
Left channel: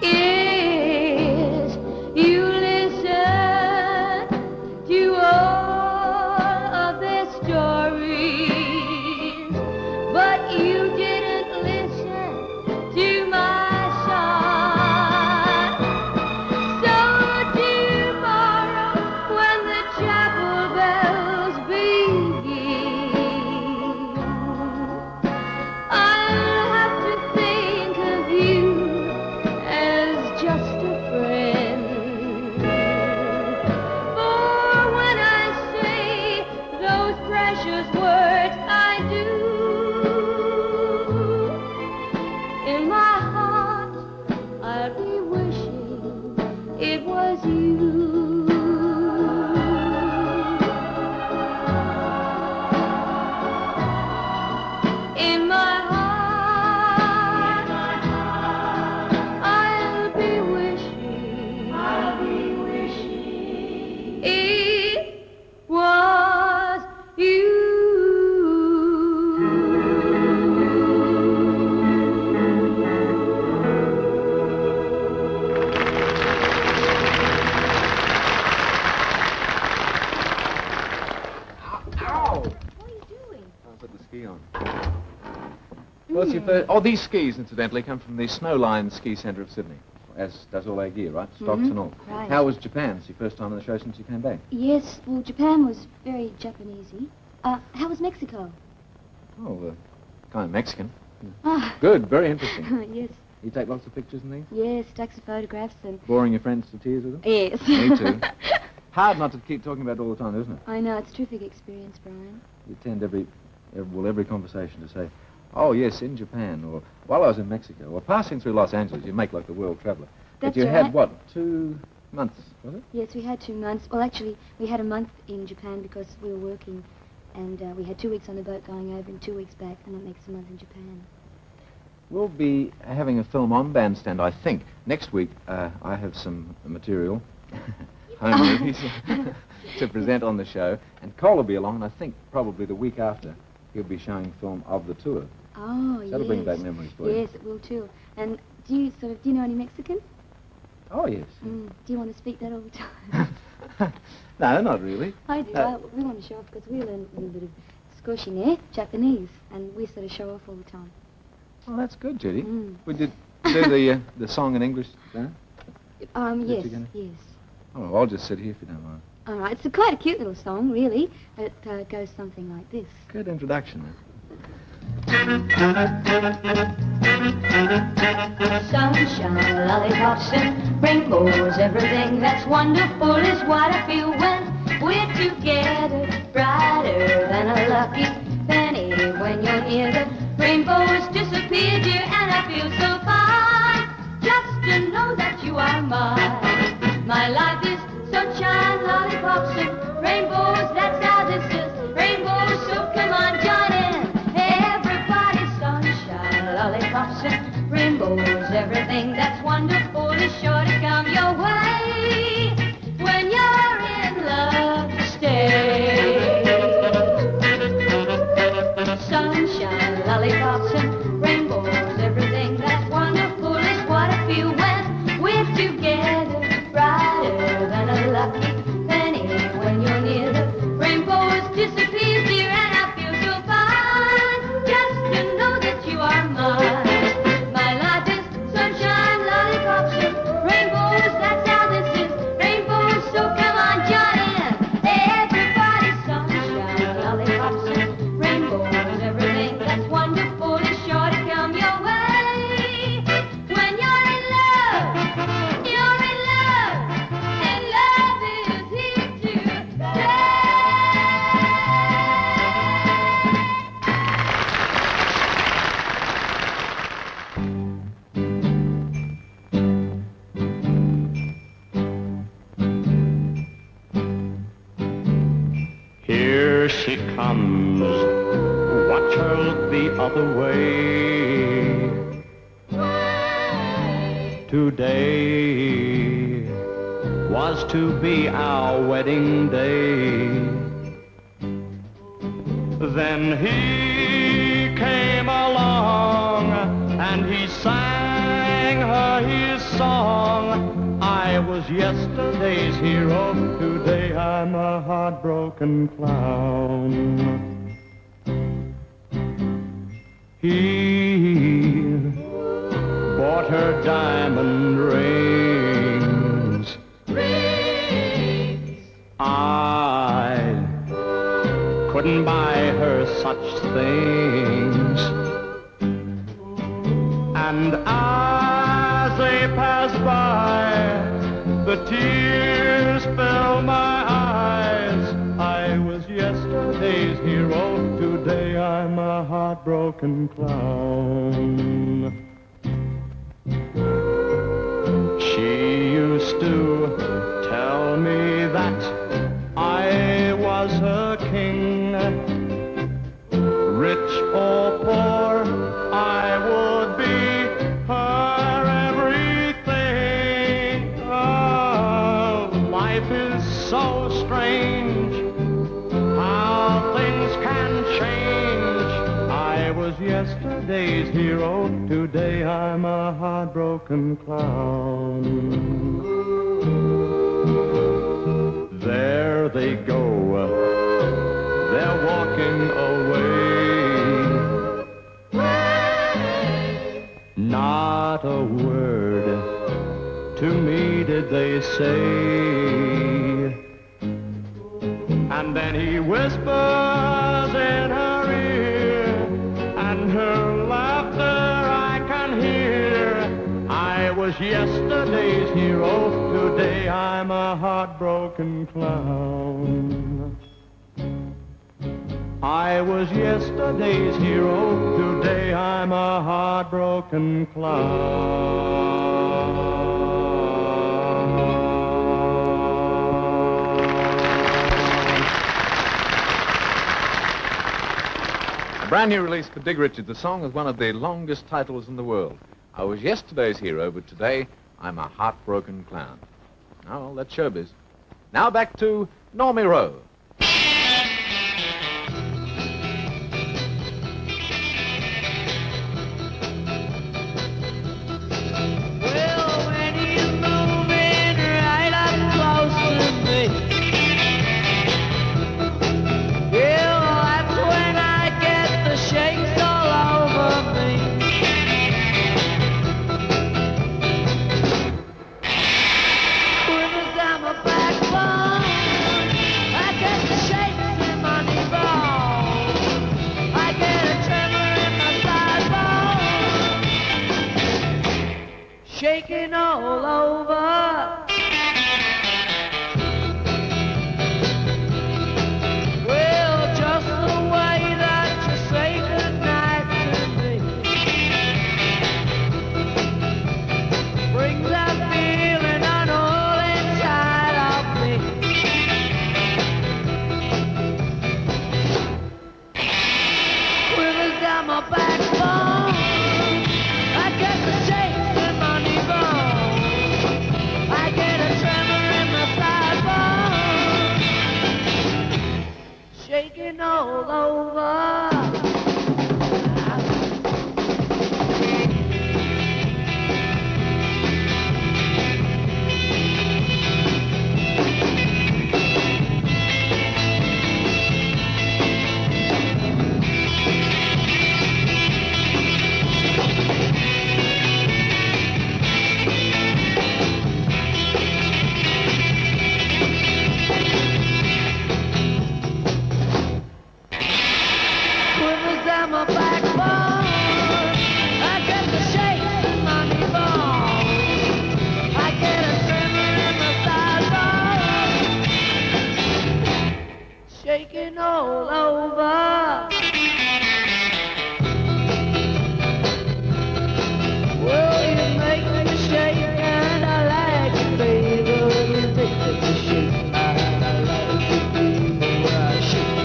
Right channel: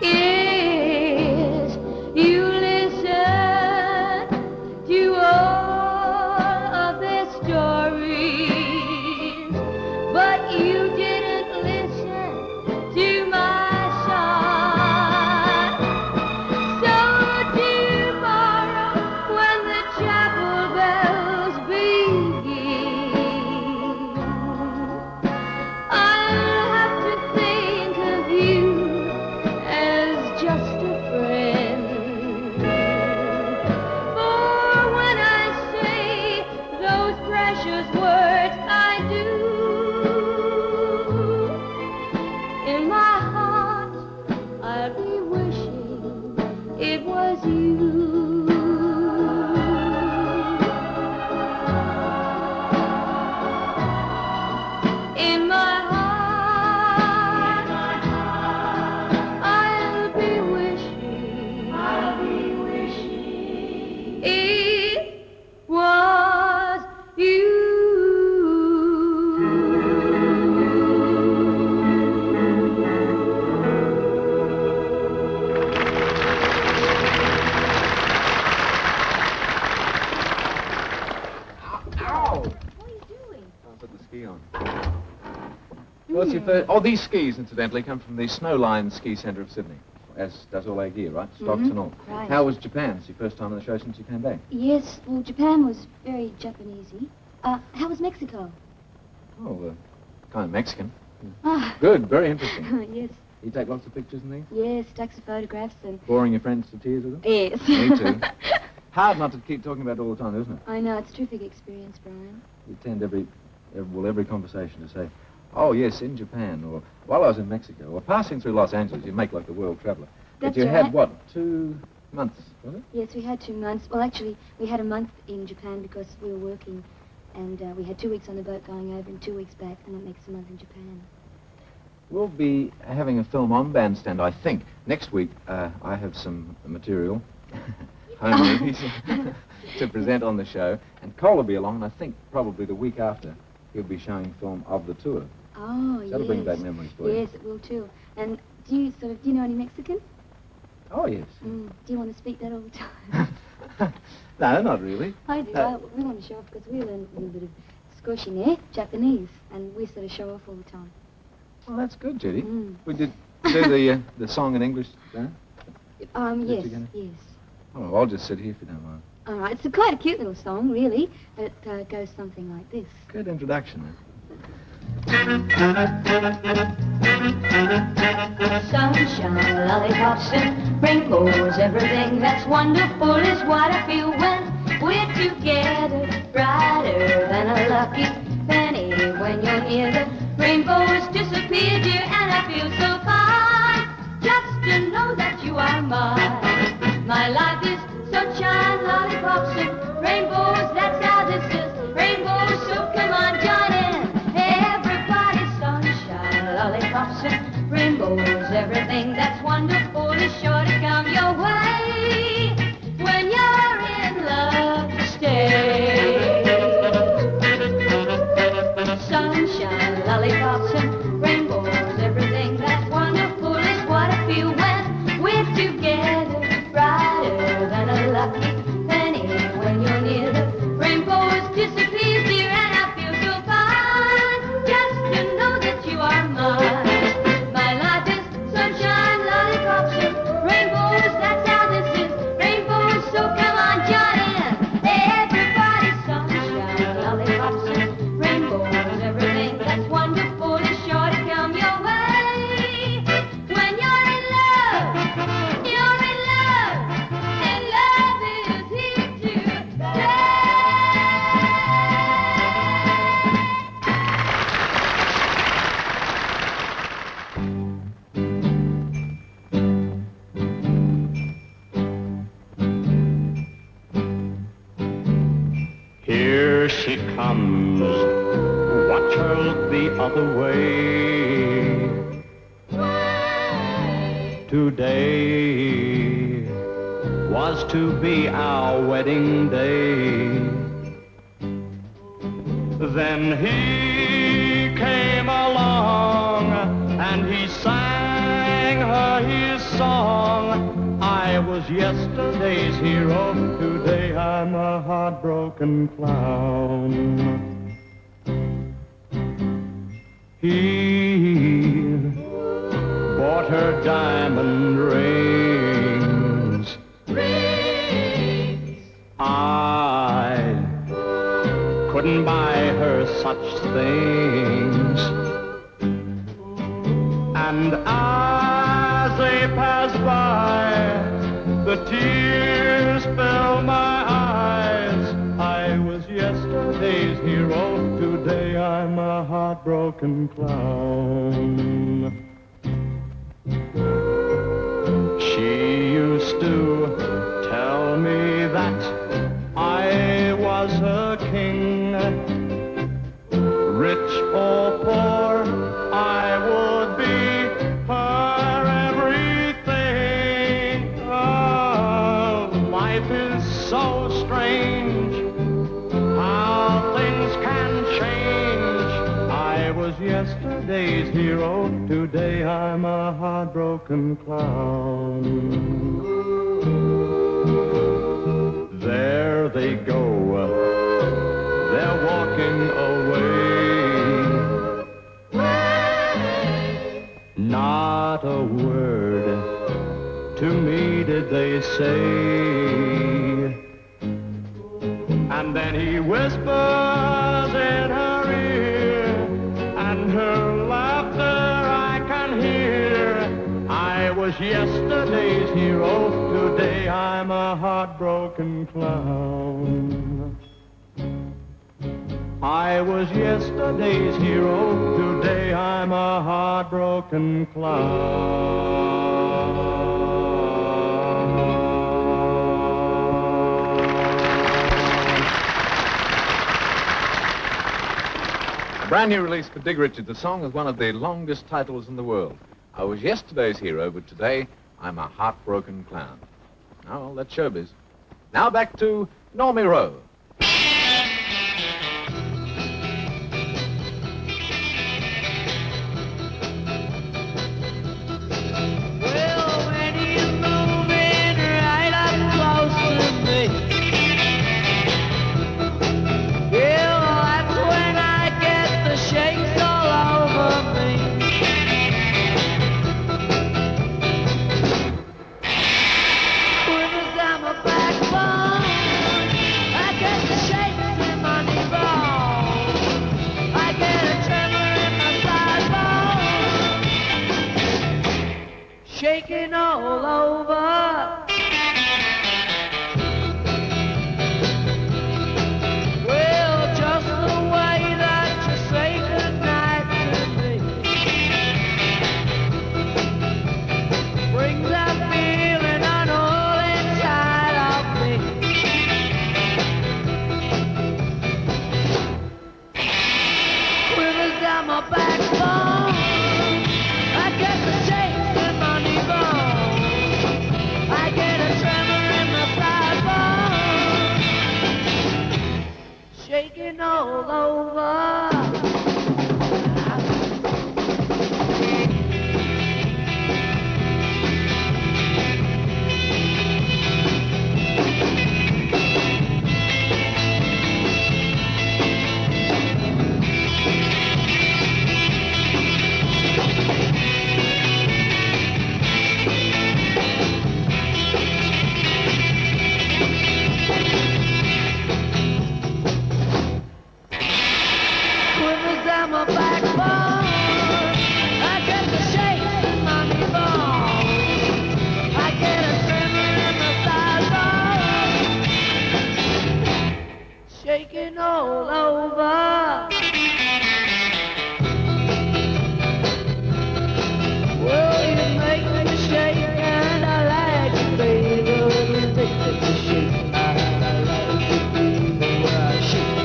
Yes, you listened to all of their stories, but you didn't listen to my song. So tomorrow when the chapel bells begin, I'll have to What's your first... Oh, these skis, incidentally, come from the Snowline Ski Centre of Sydney, as does all our gear, right? Stocks and all. Right. How was Japan? It's your first time on the show since you came back. Yes, well, Japan was very Japanesey. How was Mexico? Oh, kind of Mexican. Ah. Good, very interesting. Yes, You take lots of pictures in these? yes, took some photographs and... Boring your friends to tears with them? Yes. Me too. Hard not to keep talking about it all the time, isn't it? I know, it's a terrific experience, Brian. You tend every conversation to say, oh, yes, in Japan, or while I was in Mexico, or passing through Los Angeles, you make like the world traveller. But That's you right. had, what, 2 months, was it? Yes, we had 2 months. Well, actually, we had a month in Japan because we were working, and we had 2 weeks on the boat going over and 2 weeks back, and that makes a month in Japan. We'll be having a film on Bandstand, I think. Next week, I have some material, home movies, to present on the show, and Cole will be along, and I think probably the week after, he'll be showing film of the tour. Oh, yes. That'll bring back memories for you. Yes, it will too. And do you know any Mexican? Oh, yes. Do you want to speak that all the time? No, not really. I do. We want to show off because we learn a little bit of Skoshine, Japanese, and we sort of show off all the time. Well, that's good, Judy. We did do the song in English, Dan? Yes, yes. Oh, I'll just sit here if you don't mind. All right, it's quite a cute little song, really. It goes something like this. Good introduction. Sunshine, lollipops, and rainbows, everything that's wonderful is what I feel when we're together. Brighter than a lucky penny when you're near. The rainbows disappear, dear, and I feel so fine. Just to know that you are mine. My life is sunshine, lollipops, and rainbows. That's how this is. Rainbows, so come on, join in. Everybody, sunshine, lollipops, and rainbows. Everything that's wonderful is sure to come your way when you're in love. Stay. Sunshine, lollipops, and rainbows. Everything that's wonderful is what I feel when we're together. Brighter than a lucky penny when you're near. The rainbows disappear, dear, and I feel so fine. Just to know that you are mine. My life is sunshine, lollipops, and rainbows. That's how this is. Rainbows, so come on, join in. Everybody, sunshine, lollipops, and rainbows. Everything that's wonderful is sure to come your way. When you're in love, you're in love, and love is here to stay. Here she comes. Watch her look the other way. Today was to be our wedding day. Then he came along and he sang her his song. I was yesterday's hero. Today I'm a heartbroken clown. He bought her diamond rings. I couldn't buy her such things. And as they pass by, the tears fill my eyes. I was yesterday's hero. Today I'm a heartbroken clown. She used to tell me that I was her king. Rich or poor, I would be her everything. Oh, life is so strange, how things can change. I was yesterday's hero, today I'm a heartbroken clown. There they go, they're walking away. And then he whispers in her ear, and her laughter I can hear. I was yesterday's hero, today I'm a heartbroken clown. I was yesterday's hero, today I'm a heartbroken clown. A brand new release for Dig Richards, a song with one of the longest titles in the world. I was yesterday's hero, but today I'm a heartbroken clown. Now, well, that's showbiz. Now back to Normie Rowe. Well, when you move in right up close to me, yeah, that's when I get the shakes all over me. Quivers down my backbone, I get the shakes in my knee bones. I get a tremor in my thigh bone, shaking all over. Well, just the way that you say goodnight to me brings that feeling on all inside of me. Quivers down my backbone, I get the shakes in my knee bones. I get a tremor in my thigh bone, shaking all over. Quivers down my backbone, I get the shakes in my knee bones. I get a tremor in my thigh bone, shaking all over. Well, you make me shake and I like it, baby. When you take it to shake, I like it, baby. I shake,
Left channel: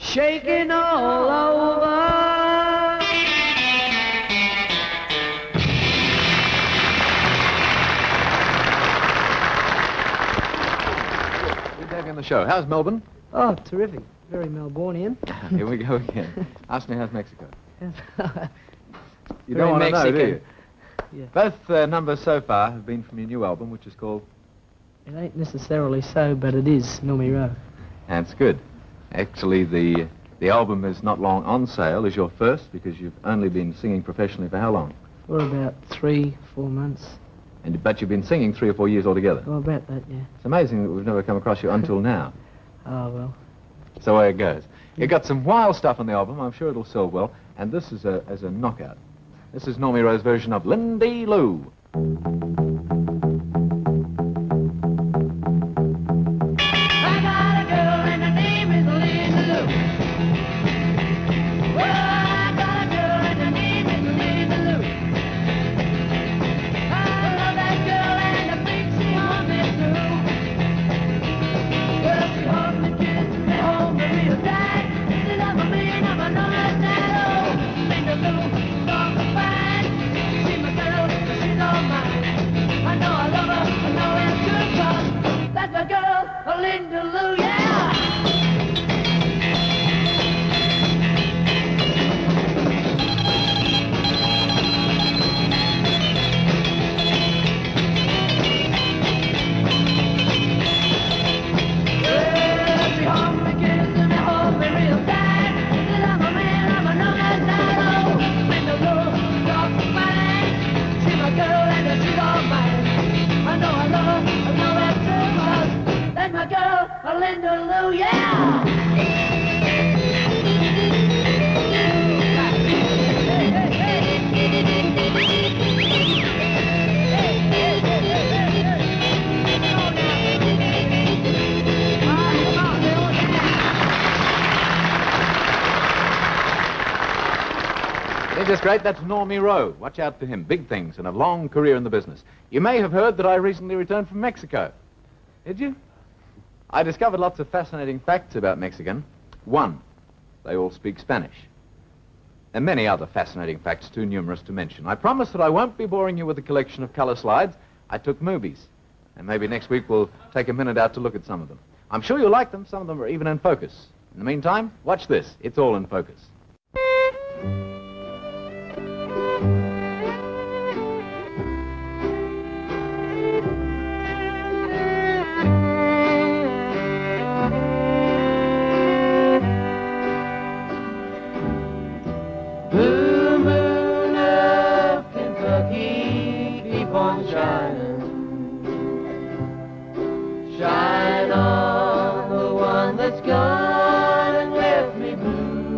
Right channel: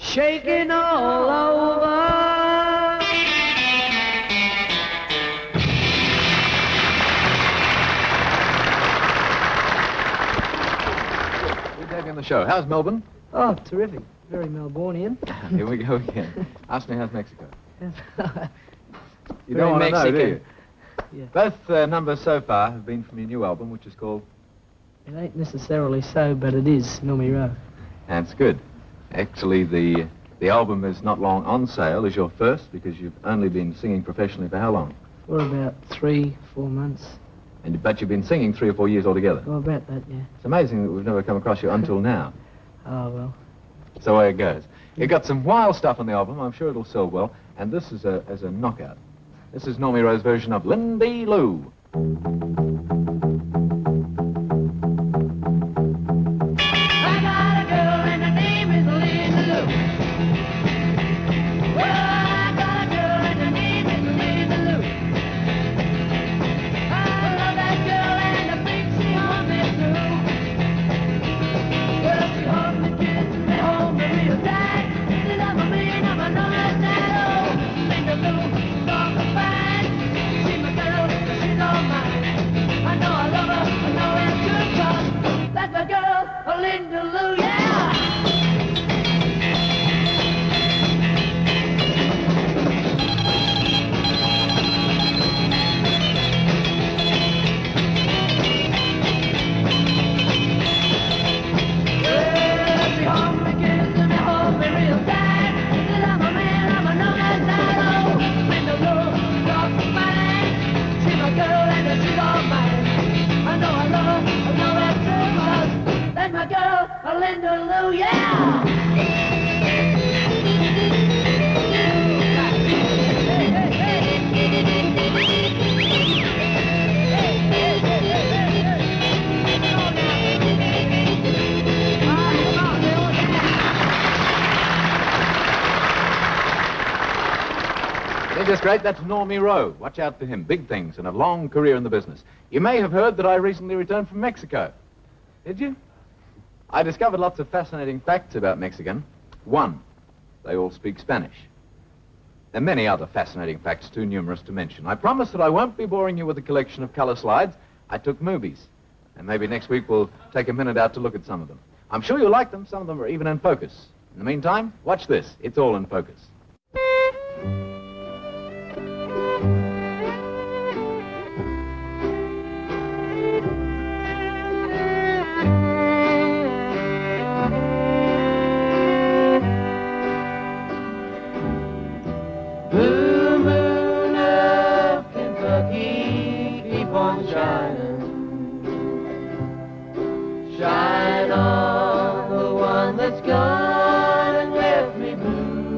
shaking all over. Good day in the show. How's Melbourne? Oh, terrific. Very Melbourneian. Here we go again. Ask me how's Mexico. You Very don't want to know, do you? Mexican. Yeah. Both numbers so far have been from your new album, which is called... It ain't necessarily so, but it is Normie Rowe. That's good. Actually, the album is not long on sale as your first, because you've only been singing professionally for how long? For about 3-4 months. But you've been singing 3 or 4 years altogether. Oh, about that, yeah. It's amazing that we've never come across you until now. Oh, well. It's the way it goes. You got some wild stuff on the album. I'm sure it'll sell well. And this is a knockout. This is Normie Rowe's version of Lindy Lou. I got a girl and her name is Lindy Lou. Well, I got a girl and her name is Lindy Lou. I love that girl and the things she on me too. Well, she holds me, kisses me, holds me real tight. She loves me and I'm a normal night. Lindy Lou, she's on the fine. She's my girl, she's all mine. That's great. That's Normie Rowe. Watch out for him. Big things and a long career in the business. You may have heard that I recently returned from Mexico. Did you? I discovered lots of fascinating facts about Mexican. One, they all speak Spanish. And many other fascinating facts, too numerous to mention. I promise that I won't be boring you with a collection of color slides. I took movies. And maybe next week we'll take a minute out to look at some of them. I'm sure you'll like them. Some of them are even in focus. In the meantime, watch this. It's all in focus. Blue moon of Kentucky, keep on shining. Shine on the one that's gone and left me blue.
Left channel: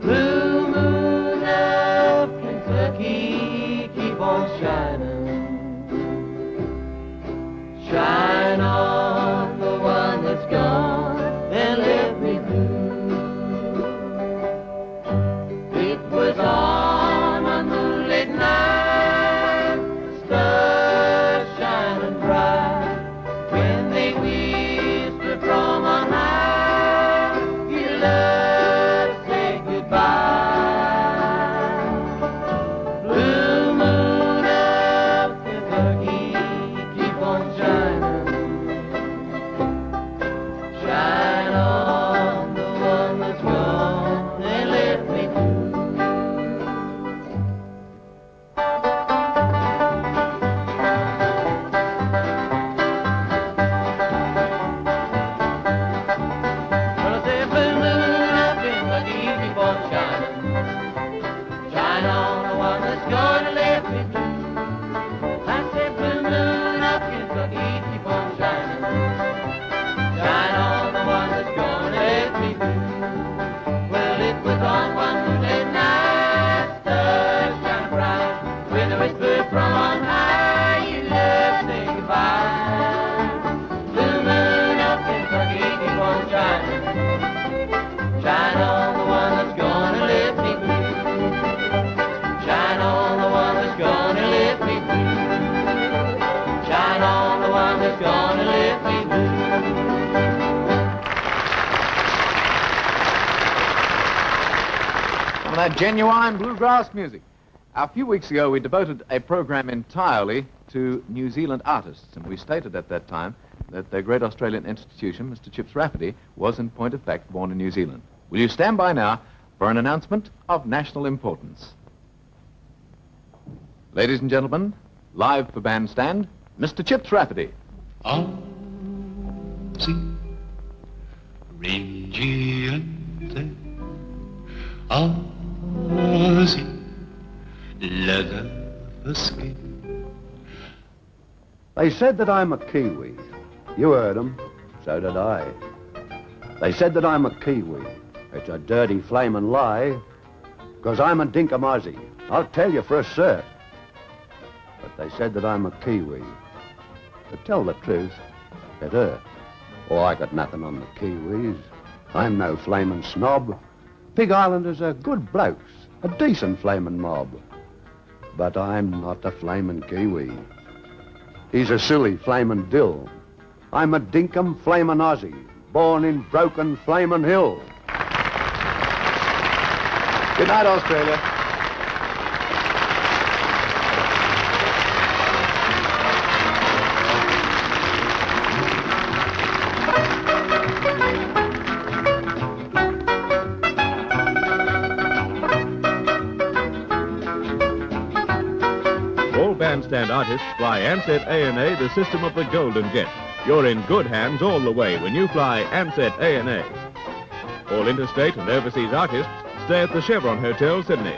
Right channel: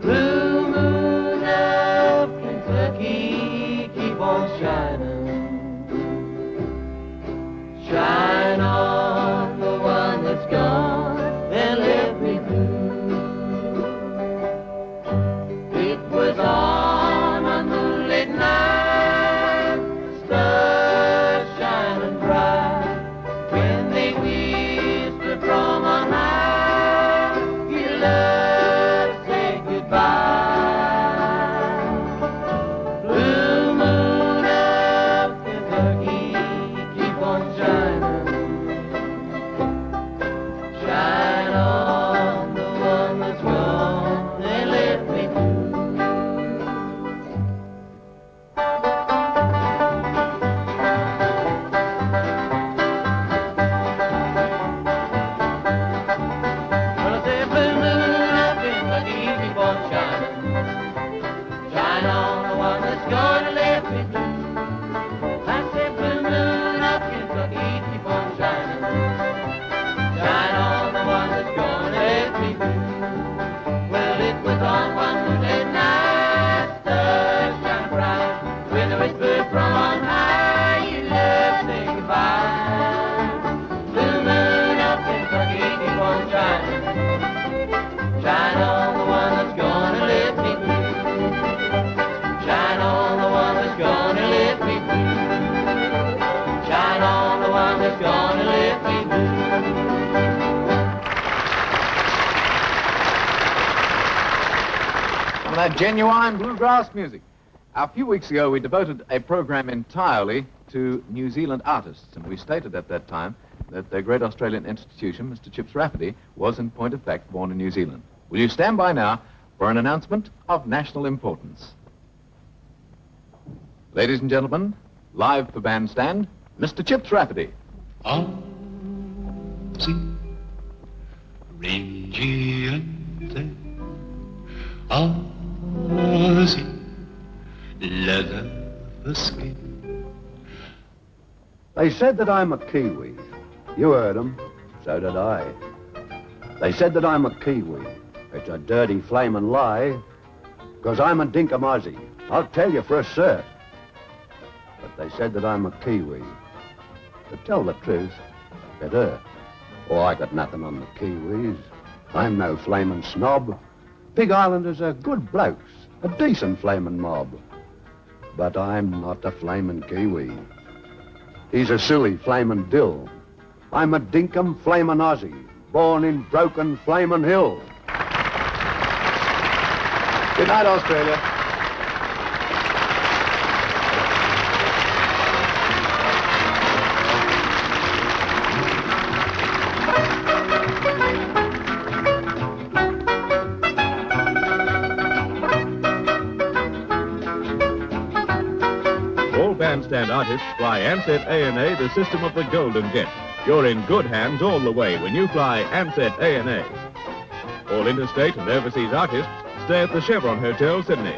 Blue moon of Kentucky, keep on shining. Shine on the one that's gone and left me blue. It was on a moonlit night, the stars shining bright, when they whispered from on high, you love, say goodbye. Blue moon of Kentucky, keep on shining. Shine on the one that's gone and left me blue. Well, I say, blue moon of Kentucky, keep on shining. Shine on the one that's gone and left me blue. I say, blue moon of Kentucky, keep on shining. Shine on the one that's gone and left me blue. Well, it was on one moonlit night, stars shine bright, when a whisper from on high, you love, say goodbye. Blue moon of Kentucky, keep on shining. Shine on the one that's gone and left me blue. Shine on the one that's gone and left me blue. Shine on the one that's gone and left me blue. Some of that genuine bluegrass music. A few weeks ago, we devoted a program entirely to New Zealand artists, and we stated at that time that their great Australian institution, Mr. Chips Rafferty, was in point of fact born in New Zealand. Will you stand by now for an announcement of national importance? Ladies and gentlemen, live for Bandstand, Mr. Chips Rafferty. Aussie, Rangiente, Aussie, leather skin. They said that I'm a Kiwi. You heard them. So did I. They said that I'm a Kiwi. It's a dirty flamin' lie, 'cause I'm a dinkum Aussie. I'll tell you for a cert. But they said that I'm a Kiwi. To tell the truth, it hurt. Oh, I got nothing on the Kiwis. I'm no flamin' snob. Big Islanders are good blokes, a decent flamin' mob. But I'm not a flamin' Kiwi. He's a silly flamin' dill. I'm a dinkum flamin' Aussie, born in broken flamin' hill. Good night, Australia. All Bandstand artists fly Ansett A&A the system of the Golden Jet. You're in good hands all the way when you fly Ansett A&A. All interstate and overseas artists stay at the Chevron Hotel, Sydney.